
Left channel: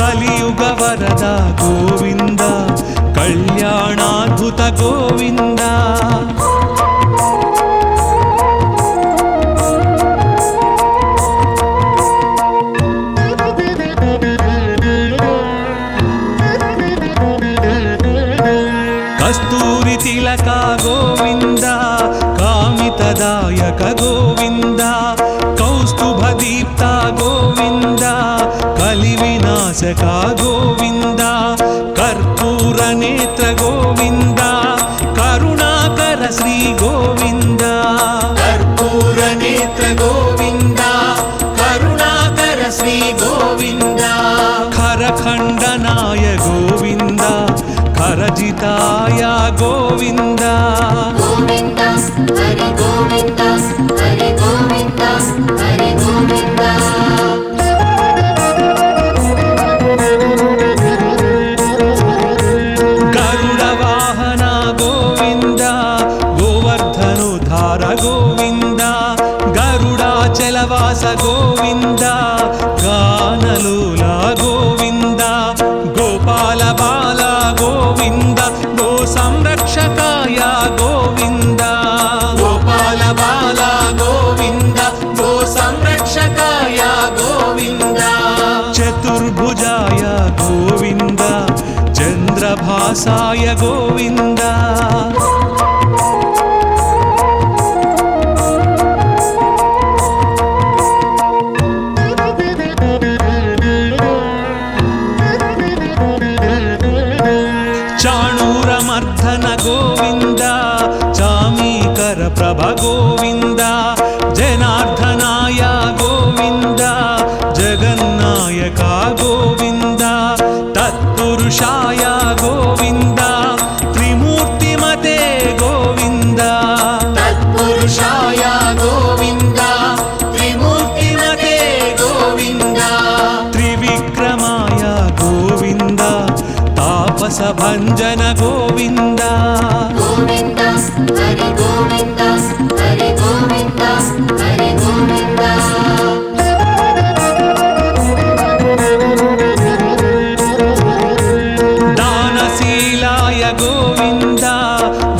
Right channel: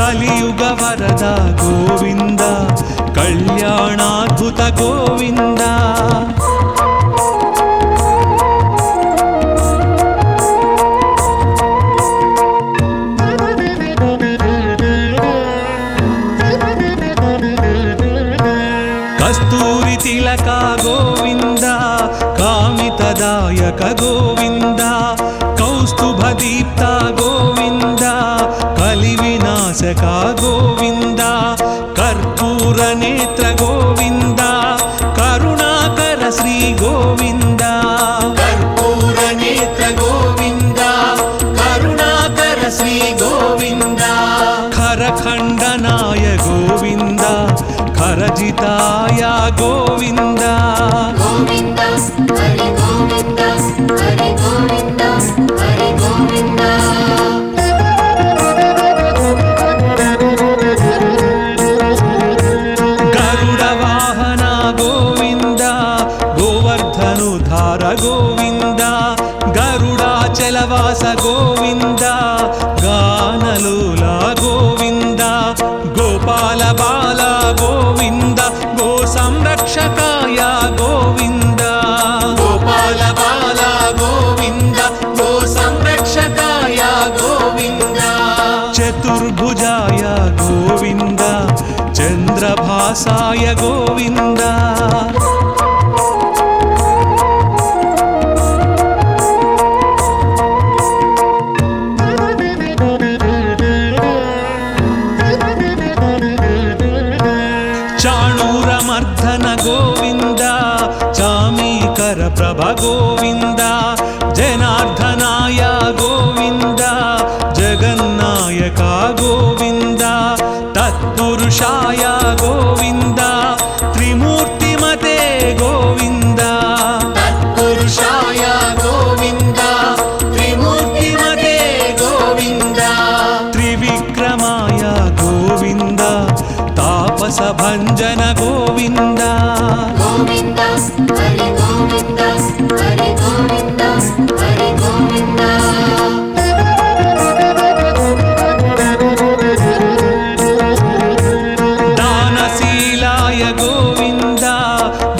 कलियुग वरद गोविंद कल्याणाद्भुत गोविंद కస్తూరి తిలక గోవింద కామితదాయక గోవింద కౌస్తుభ దీప్త గోవింద కలి వినాశక గోవింద కర్పూర నేత్ర గోవింద కరుణాకర శ్రీ గోవింద కర్పూర నేత్ర గోవింద కరుణాకర శ్రీ గోవింద ఖరఖండనాయ గోవింద ఖరజితాయ గోవింద గోవింద హరి గోవింద హరి గోవింద హరి గోవింద గరుడ వాహన గోవింద గోవర్ధనుధార గోవింద గరుడాచలవాస గోవింద గానలోల గోవింద గోపాల బాల గోవింద గో సంరక్షకాయ గోవింద గోపాల బాల గోవింద గో సంరక్షకాయ గోవింద చతుర్భుజాయ గోవింద చంద్రభాసాయ గోవింద చాణూరమర్ధన గోవింద చామీకర ప్రభ గోవింద జనార్దనాయ గోవింద జగన్నాయక గోవింద తత్పురుషాయ గోవింద త్రిమూర్తిమతే గోవింద తత్పురుషాయ గోవింద త్రిమూర్తిమతే గోవింద త్రివిక్రమాయ గోవింద తాపస భంజన గోవింద గోవింద హరి గోవింద హరి గోవింద హరి గోవింద దానశీలాయ గోవింద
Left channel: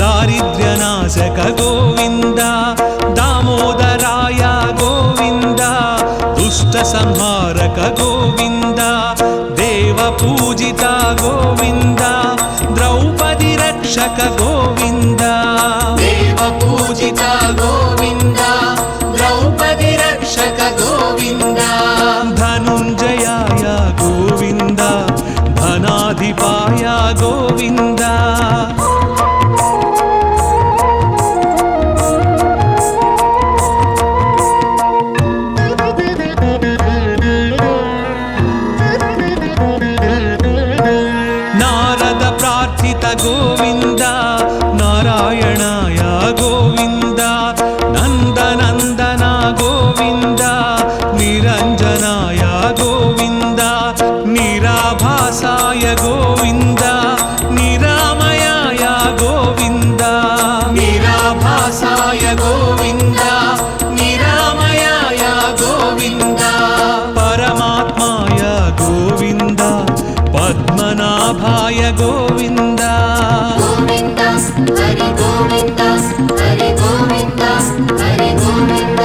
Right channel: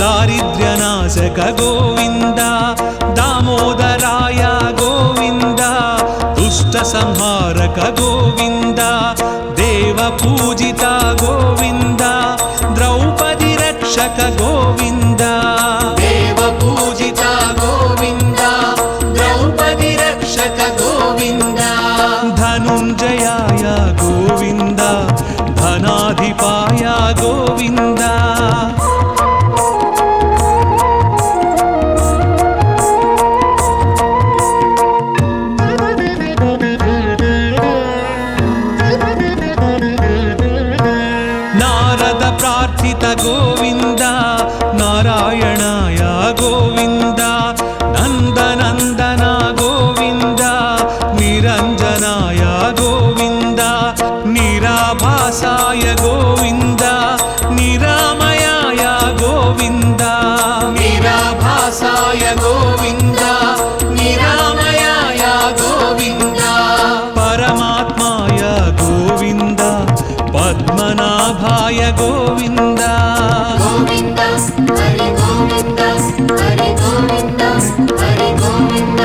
దారిద్ర్యనాశక గోవింద దామోదరాయ గోవింద దుష్ట సంహారక గోవింద దేవ పూజిత గోవింద ద్రౌపది రక్షక గోవింద దేవ పూజిత గోవింద ద్రౌపది రక్షక గోవింద ధనుంజయాయ గోవింద ధనాధిపాయ గోవింద నారద ప్రార్థిత గోవింద నారాయణాయ గోవింద నందనందన గోవింద నిరంజనాయ గోవింద నిరాభాసాయ గోవింద నిరామయాయ గోవింద నిరాభాసాయ గోవింద నిరామయాయ గోవింద పరమాత్మాయ గోవింద పద్మనాభాయ గోవింద గోవింద హరి గోవింద హరి గోవింద హరి గోవింద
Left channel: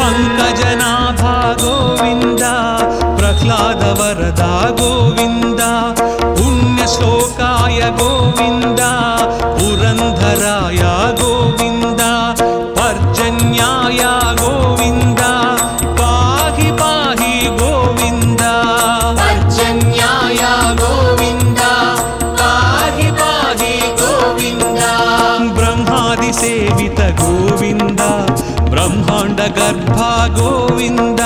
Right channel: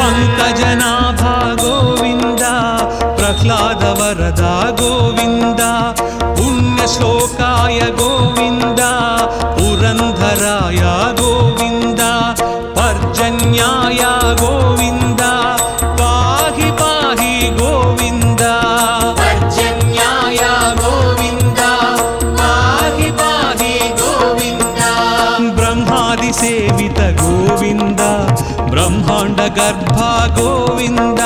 పంకజనాభా గోవింద ప్రహ్లాద వరద గోవింద పుణ్యశ్లోకాయ గోవింద పురంధరాయ గోవింద పర్జన్యాయ గోవింద పాహి పాహి గోవింద పర్జన్యాయ గోవింద పాహి పాహి గోవింద బ్రహ్మాది సేవిత గోవింద బ్రహ్మాండ గర్భ గోవింద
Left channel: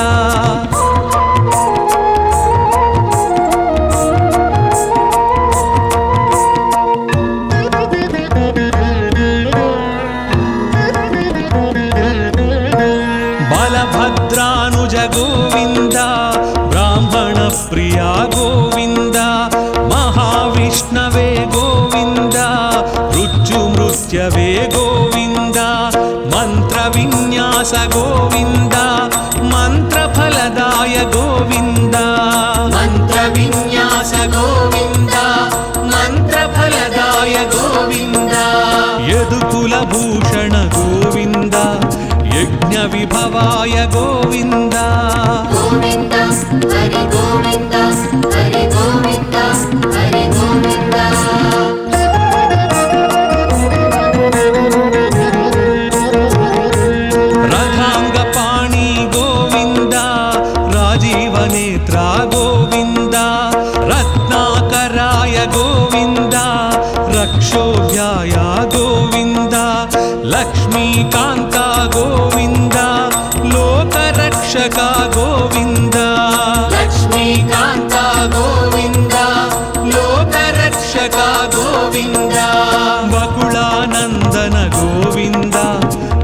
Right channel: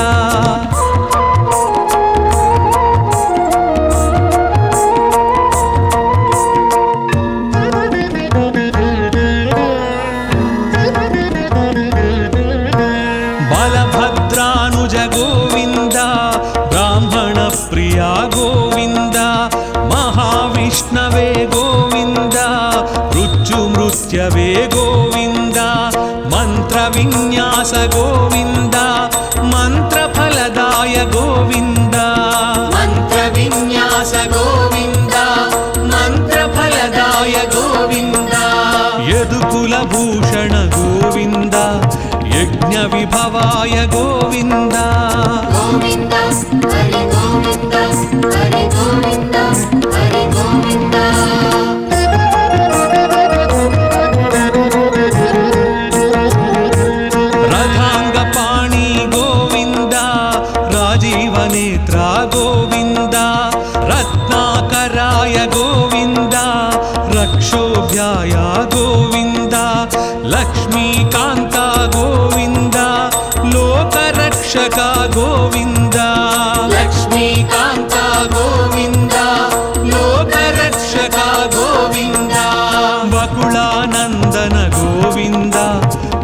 బలభద్రానుజ గోవింద బ్రాహ్మణ ప్రియా గోవింద మహావిష్ణవే గోవింద మృత్యుమృత్యవే గోవింద మంత్ర విన్యాస గోవింద మంత్రఫలదాయ గోవింద మంత్ర విన్యాస గోవింద మంత్రఫలదాయ గోవింద యదుకుల భూషణ గోవింద యజ్ఞ విభవాయ గోవింద గోవింద హరి राजीवनेत्रा गोविन्द रत्नाकराय गोविन्द रक्षोभ्याय गोविन्द लक्ष्मीकान्ता गोविन्द लोकरक्षका गोविन्द लक्ष्मीकान्ता गोविन्द लोकरक्षका गोविन्द वकुलानन्दन गोविन्द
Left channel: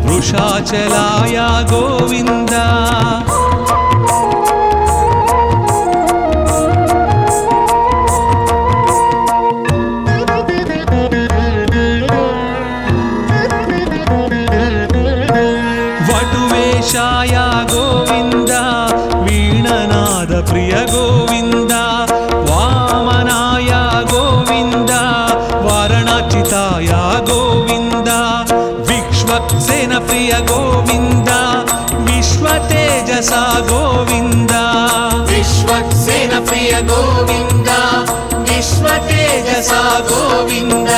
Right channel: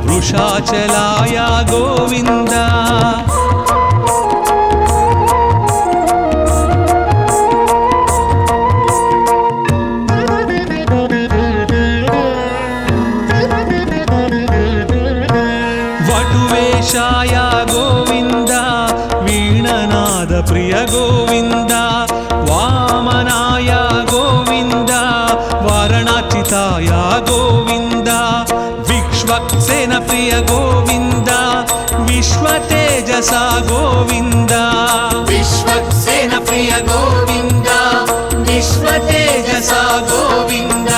वृषाचलाय गोविन्द वटुवेशाय गोविन्द वीणनाद प्रिय गोविन्द वामनाय गोविन्द वारणाचिताय गोविन्द विश्वक्सेन प्रिय गोविन्द विश्वतेजसा गोविन्द विश्वक्सेन प्रिय गोविन्द विश्वतेजसा गोविन्द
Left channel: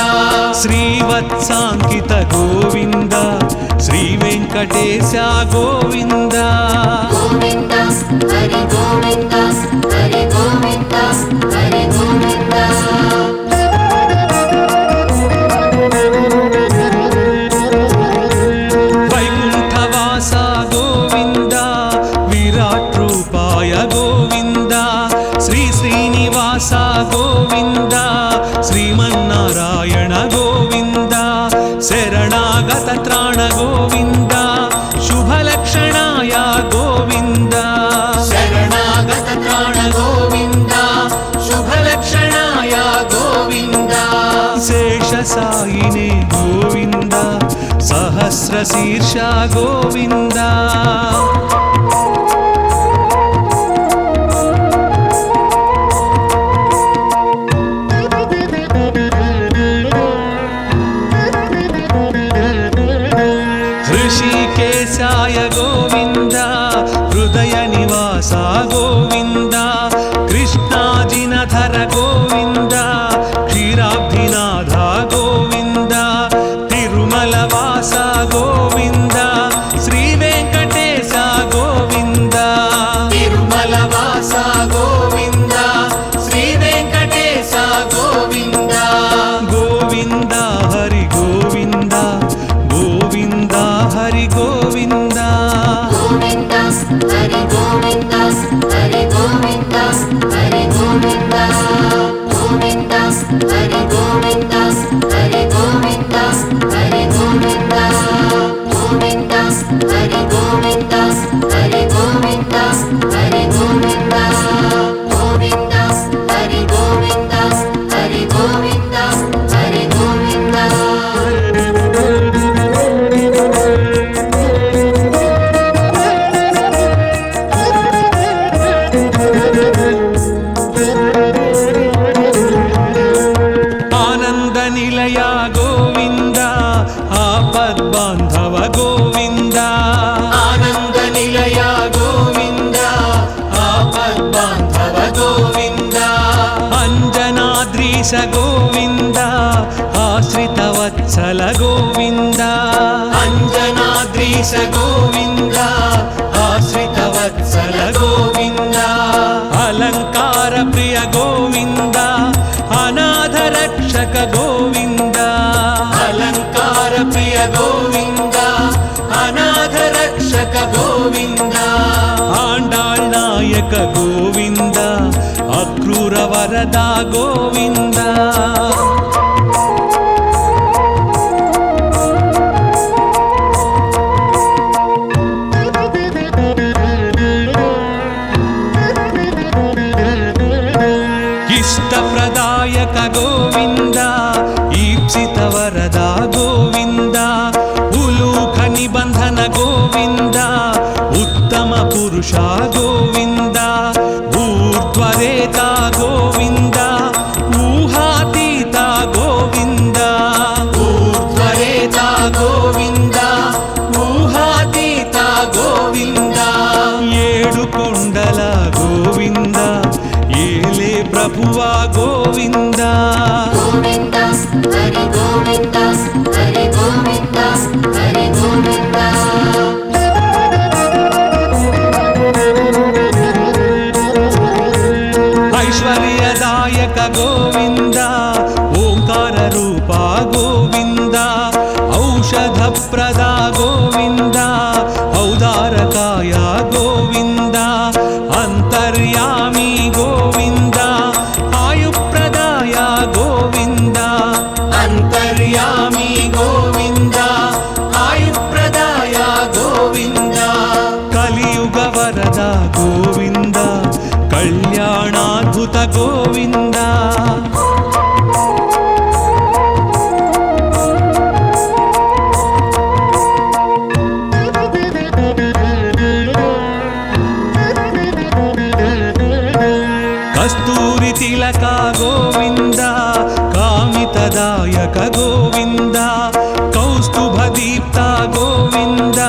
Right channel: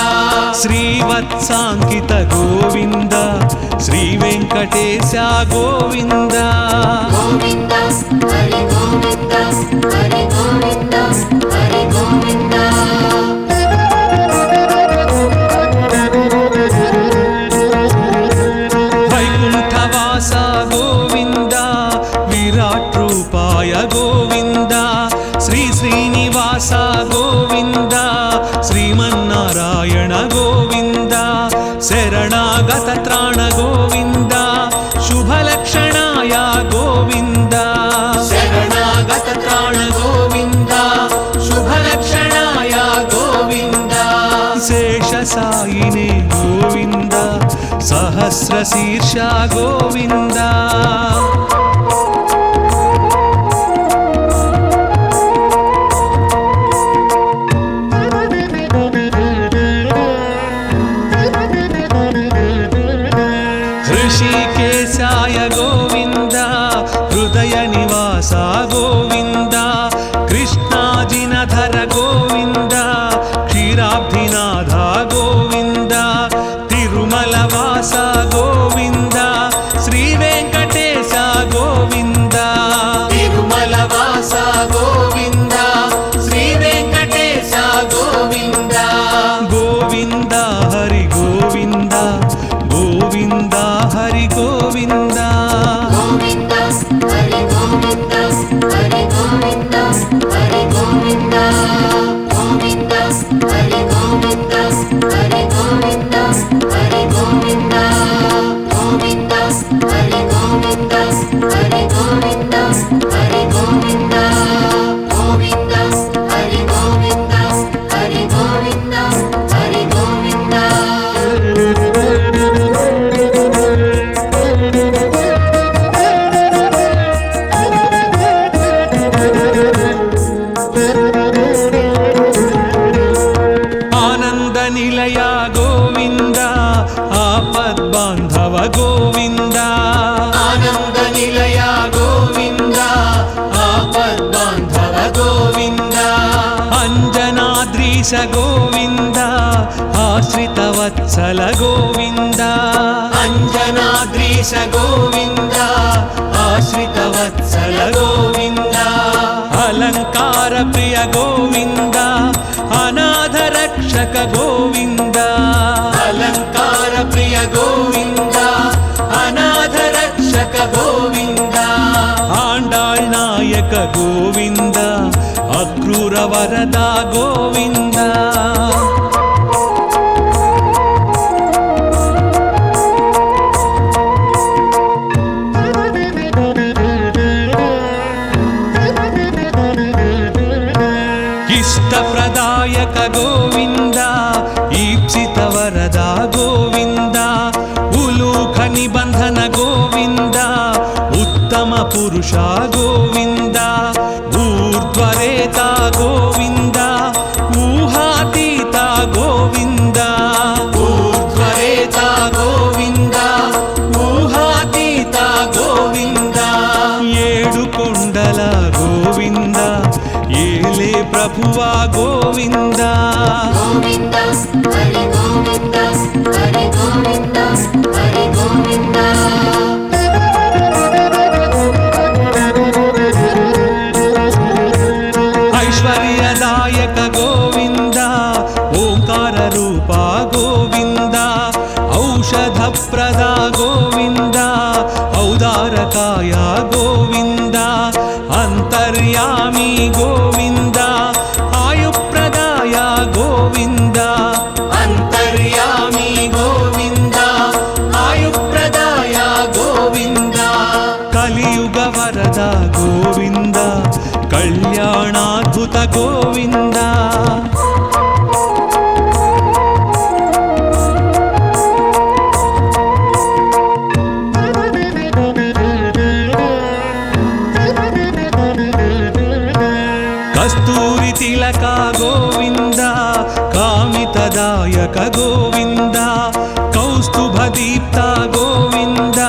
श्रीवत्साङ्कित गोविन्द श्रीवेङ्कटेश गोविन्द गोविन्द हरि गोविन्द हरि गोविन्द हरि गोविन्द वैकुण्ठवास गोविन्द विराट्रूपाय गोविन्द श्री श्रीनिवास गोविन्द श्रीमन्नारायण गोविन्द शरणागत त्राण गोविन्द शुभलक्षणाय गोविन्द शरणागत त्राण गोविन्द शुभलक्षणाय गोविन्द शेषसायिने गोविन्द सहस्रशीर्ष गोविन्द ऋषिकेशाय गोविन्द हृदय निवास गोविन्द कृष्णाजिनधर गोविन्द क्षीराब्धिनाथ गोविन्द तिरुमलवास गोविन्द श्रीवेङ्कटेश गोविन्द तिरुमलवास गोविन्द श्रीवेङ्कटेश गोविन्द गोविन्द हरि गोविन्द गोविन्द हरि गोविन्द गोविन्द हरि गोविन्द हरि गोविन्द हरि गोविन्द गोविन्द हरि गोविन्द हरि गोविन्द हरि गोविन्द गोविन्द हरि गोविन्द हरि गोविन्द हरि गोविन्द गोविन्द हरि गोविन्द हरि गोविन्द हरि गोविन्द आनंद निलय गोविन्द आपद्बान्धव गोविन्द आनंद निलय गोविन्द आपद्बान्धव गोविन्द अंजनाद्रीश गोविन्द आश्रितवत्सल गोविन्द अंजनाद्रीश गोविन्द आश्रितवत्सल गोविन्द अलंकार प्रिय गोविन्द अनाथ रक्षक गोविन्द अलंकार प्रिय गोविन्द अनाथ रक्षक गोविन्द आंडाळ नायक गोविन्द अक्रूर वरदा गोविन्द इष्टप्रदायक गोविन्द ईप्सित वरदा गोविन्द उलूख निबन्धन गोविन्द उत्तम पुरुषा गोविन्द ऊर्ध्वरेता गोविन्द ऊहातीता गोविन्द ऊर्ध्वरेता गोविन्द ऊहातीता गोविन्द ఏడు కొండల గోవింద ఏలే ప్రభువా గోవింద गोविन्द हरि गोविन्द हरि गोविन्द हरि गोविन्द ఐశ్వర్యదాయక గోవింద ఓంకార రూప గోవింద ఔషధప్రద గోవింద ఔదారకాయ గోవింద అంతర్యామి గోవింద ఆయుప్రదాయ గోవింద అంతర్యామి గోవింద ఆయుప్రదాయ గోవింద కలియుగ వరద గోవింద కళ్యాణాద్భుత గోవింద కస్తూరి తిలక గోవింద కామితదాయక గోవింద కౌస్తుభదీప్త గోవింద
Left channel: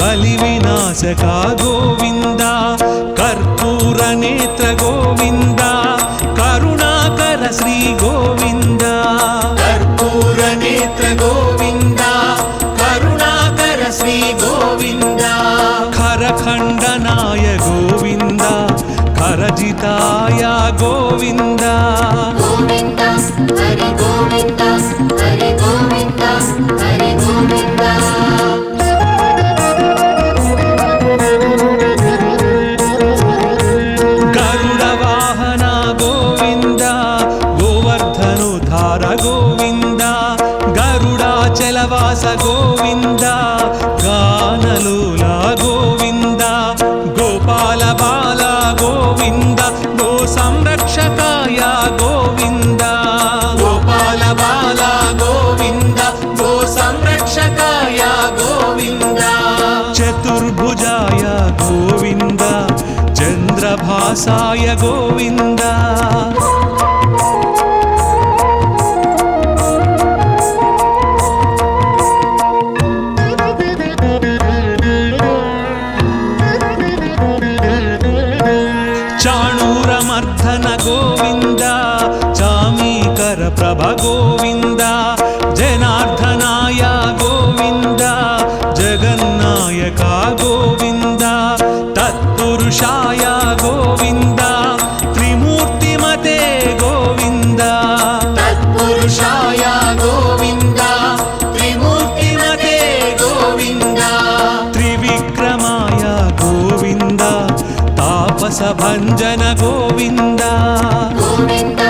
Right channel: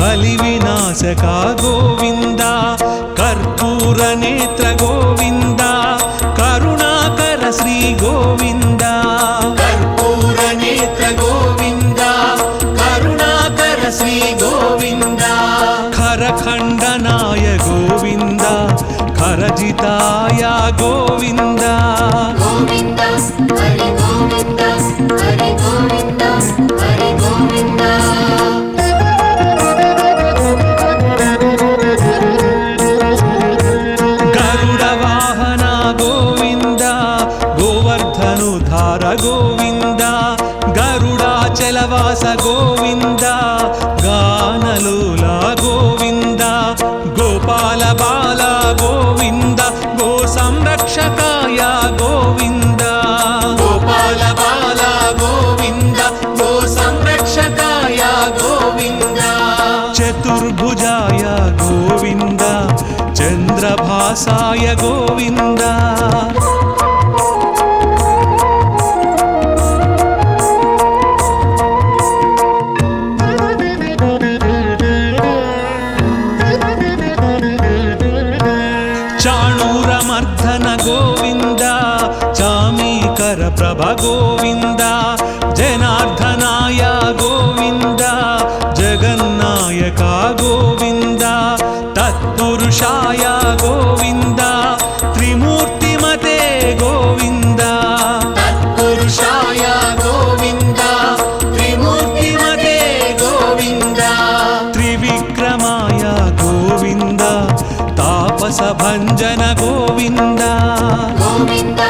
కలివినాశక గోవింద కర్పూర నేత్ర గోవింద కరుణాకర శ్రీ గోవింద కర్పూర నేత్ర గోవింద కరుణాకర శ్రీ గోవింద ఖరఖండనాయ గోవింద ఖరజితాయ గోవింద గోవింద హరి గోవింద హరి గోవింద హరి గోవింద గరుడ వాహన గోవింద గోవర్ధనుధార గోవింద గరుడాచలవాస గోవింద గానలోల గోవింద గోపాల బాల గోవింద గో సంరక్షకాయ గోవింద గోపాల బాల గోవింద గో సంరక్షకాయ గోవింద చతుర్భుజాయ గోవింద చంద్రభాసాయ గోవింద చాణూరమర్ధన గోవింద చామీకర ప్రభ గోవింద జనార్దనాయ గోవింద జగన్నాయక గోవింద తత్పురుషాయ గోవింద త్రిమూర్తిమతే గోవింద తత్పురుషాయ గోవింద త్రిమూర్తిమతే గోవింద త్రివిక్రమాయ గోవింద తాపస భంజన గోవింద గోవింద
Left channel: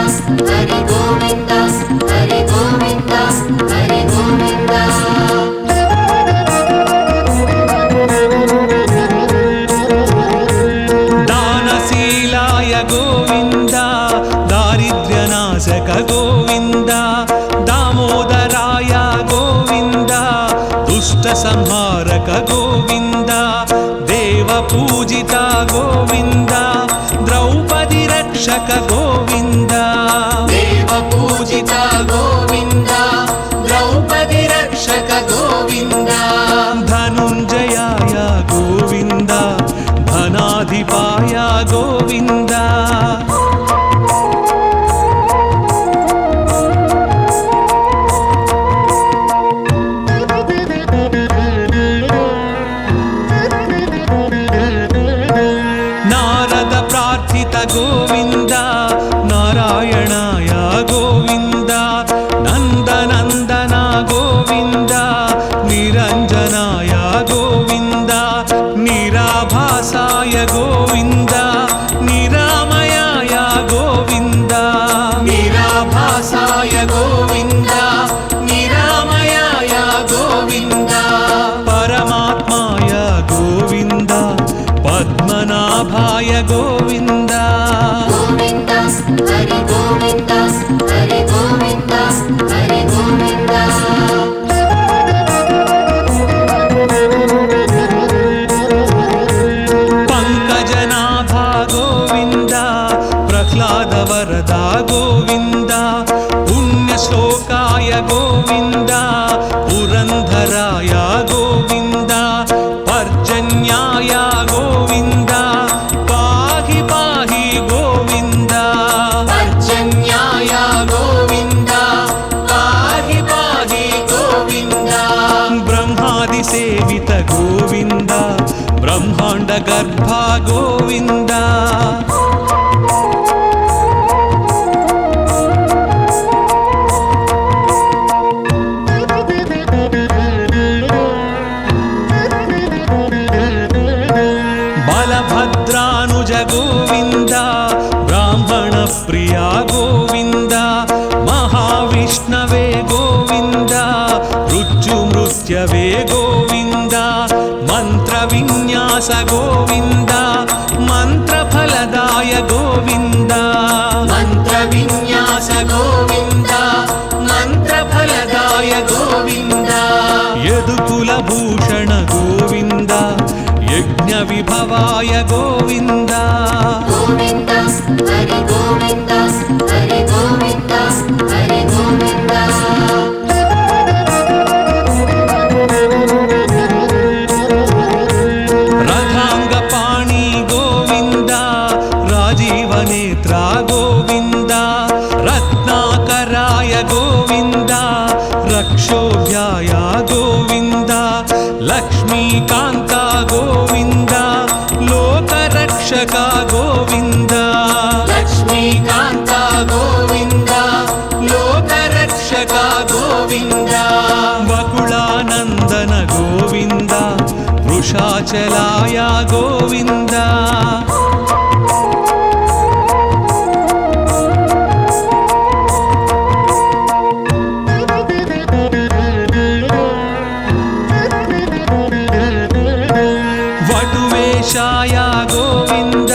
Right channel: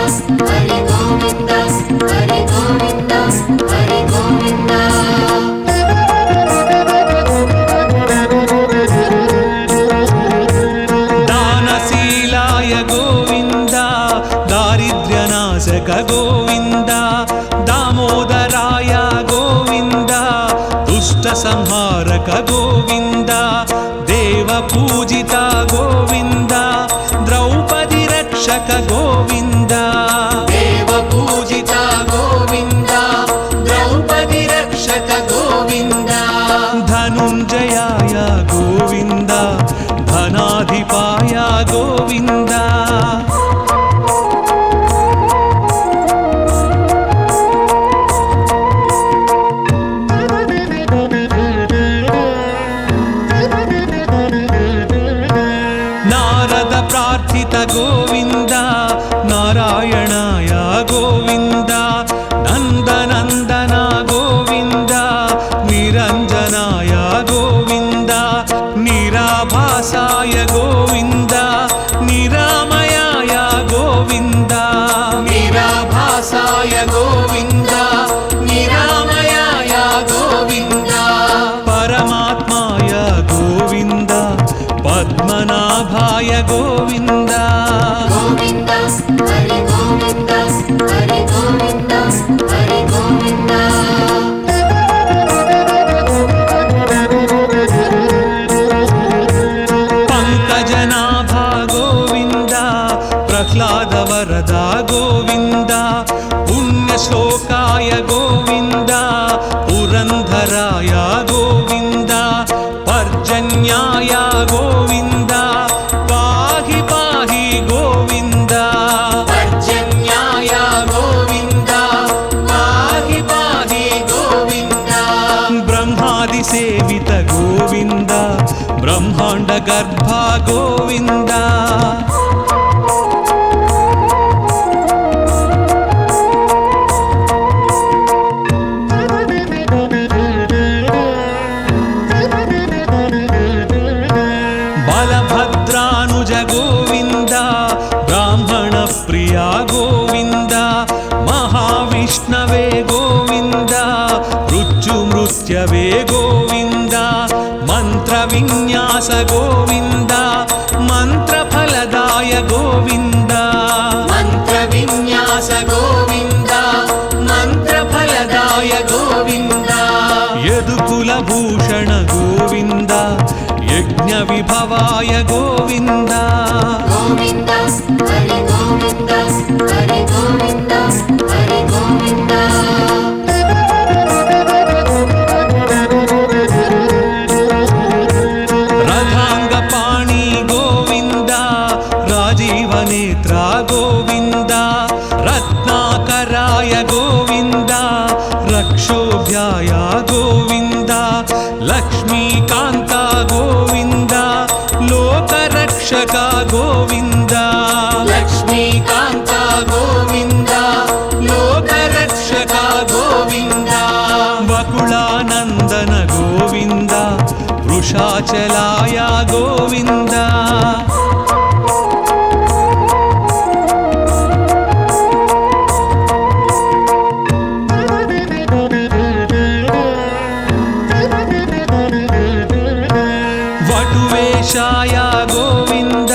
హరి గోవింద హరి గోవింద హరి గోవింద దానశీలాయ గోవింద దారిద్ర్యనాశక గోవింద దామోదరాయ గోవింద దుష్ట సంహారక గోవింద దేవ పూజిత గోవింద ద్రౌపది రక్షక గోవింద దేవ పూజిత గోవింద ద్రౌపది రక్షక గోవింద ధనుంజయాయ గోవింద ధనాధిపాయ గోవింద నారద ప్రార్థిత గోవింద నారాయణాయ గోవింద నందనందన గోవింద నిరంజనాయ గోవింద నిరాభాసాయ గోవింద నిరామయాయ గోవింద నిరాభాసాయ గోవింద నిరామయాయ గోవింద పరమాత్మాయ గోవింద పద్మనాభాయ గోవింద గోవింద హరి గోవింద హరి గోవింద హరి గోవింద పంకజనాభా గోవింద ప్రహ్లాద వరద గోవింద పుణ్యశ్లోకాయ గోవింద పురంధరాయ గోవింద పర్జన్యాయ గోవింద పాహి పాహి గోవింద పర్జన్యాయ గోవింద పాహి పాహి గోవింద బ్రహ్మాది సేవిత గోవింద బ్రహ్మాండ గర్భ గోవింద గోవింద బ్రాహ్మణ ప్రియా గోవింద మహావిష్ణవే గోవింద మృత్యుమృత్యవే గోవింద మంత్ర విన్యాస గోవింద మంత్రఫలదాయ గోవింద మంత్ర విన్యాస గోవింద మంత్రఫలదాయ గోవింద యదుకుల భూషణ గోవింద యజ్ఞ విభవాయ గోవింద గోవింద హరి గోవింద హరి గోవింద హరి గోవింద రథాంగపాణి గోవింద రాజీవనేత్ర గోవింద రత్నాకరాయ గోవింద రక్షోభ్యాయ గోవింద లక్ష్మీకాంత గోవింద లోకరక్షక గోవింద లక్ష్మీకాంత గోవింద లోకరక్షక గోవింద వకుళానందన గోవింద వృషాచలాయ గోవింద వటువేషాయ గోవింద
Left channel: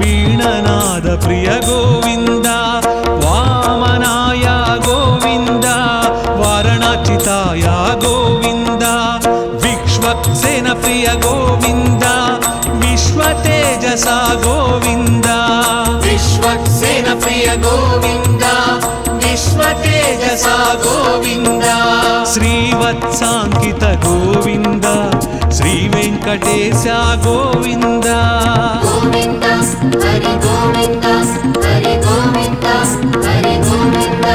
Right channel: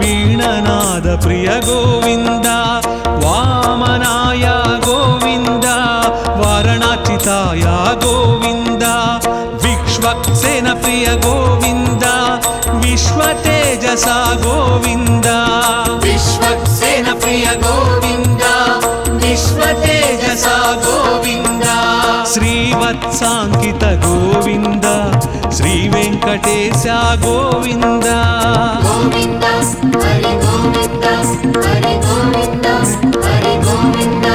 వీణనాద ప్రియ గోవింద వామనాయ గోవింద వారణాచితాయ గోవింద విక్ష్వక్సేన ప్రియ గోవింద విశ్వతేజస గోవింద విశ్వక్సేన ప్రియ గోవింద విశ్వతేజస గోవింద శ్రీవత్సాంకిత గోవింద శ్రీ వెంకటేశ గోవింద గోవింద హరి గోవింద హరి గోవింద హరి గోవింద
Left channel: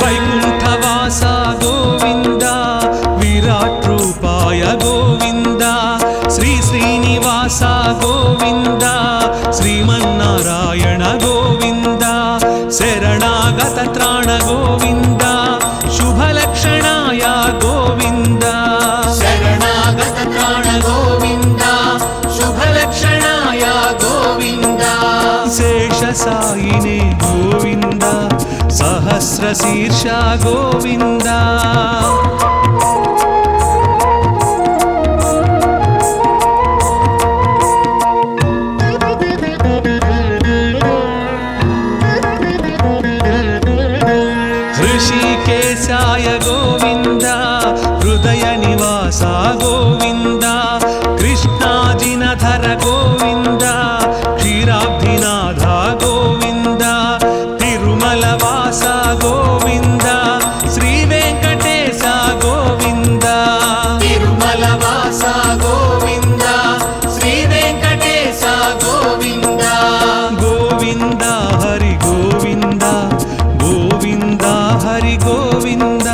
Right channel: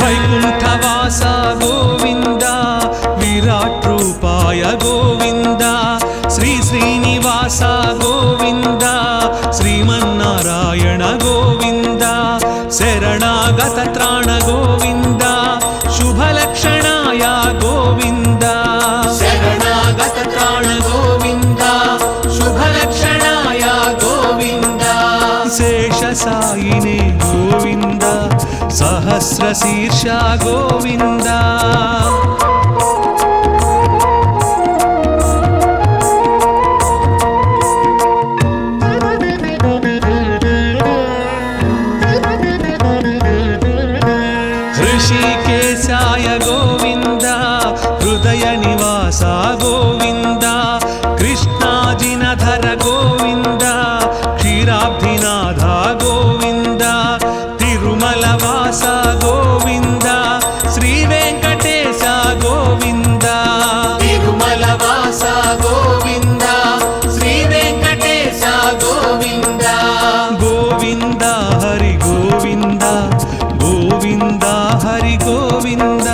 వైకుంఠవాస గోవింద విరాట్ రూపాయ గోవింద శ్రీ శ్రీనివాస గోవింద శ్రీమన్నారాయణ గోవింద శరణాగత త్రాణ గోవింద శుభలక్షణాయ గోవింద శరణాగత త్రాణ గోవింద శుభలక్షణాయ గోవింద శేషసాయినే గోవింద సహస్రశీర్ష గోవింద హృషికేశాయ గోవింద హృదయ నివాస గోవింద కృష్ణాజినధర గోవింద క్షీరాబ్ధినాథ గోవింద తిరుమల వాస గోవింద శ్రీ వెంకటేశ గోవింద తిరుమల వాస గోవింద శ్రీ వెంకటేశ గోవింద గోవింద హరి గోవింద గోవింద హరి గోవింద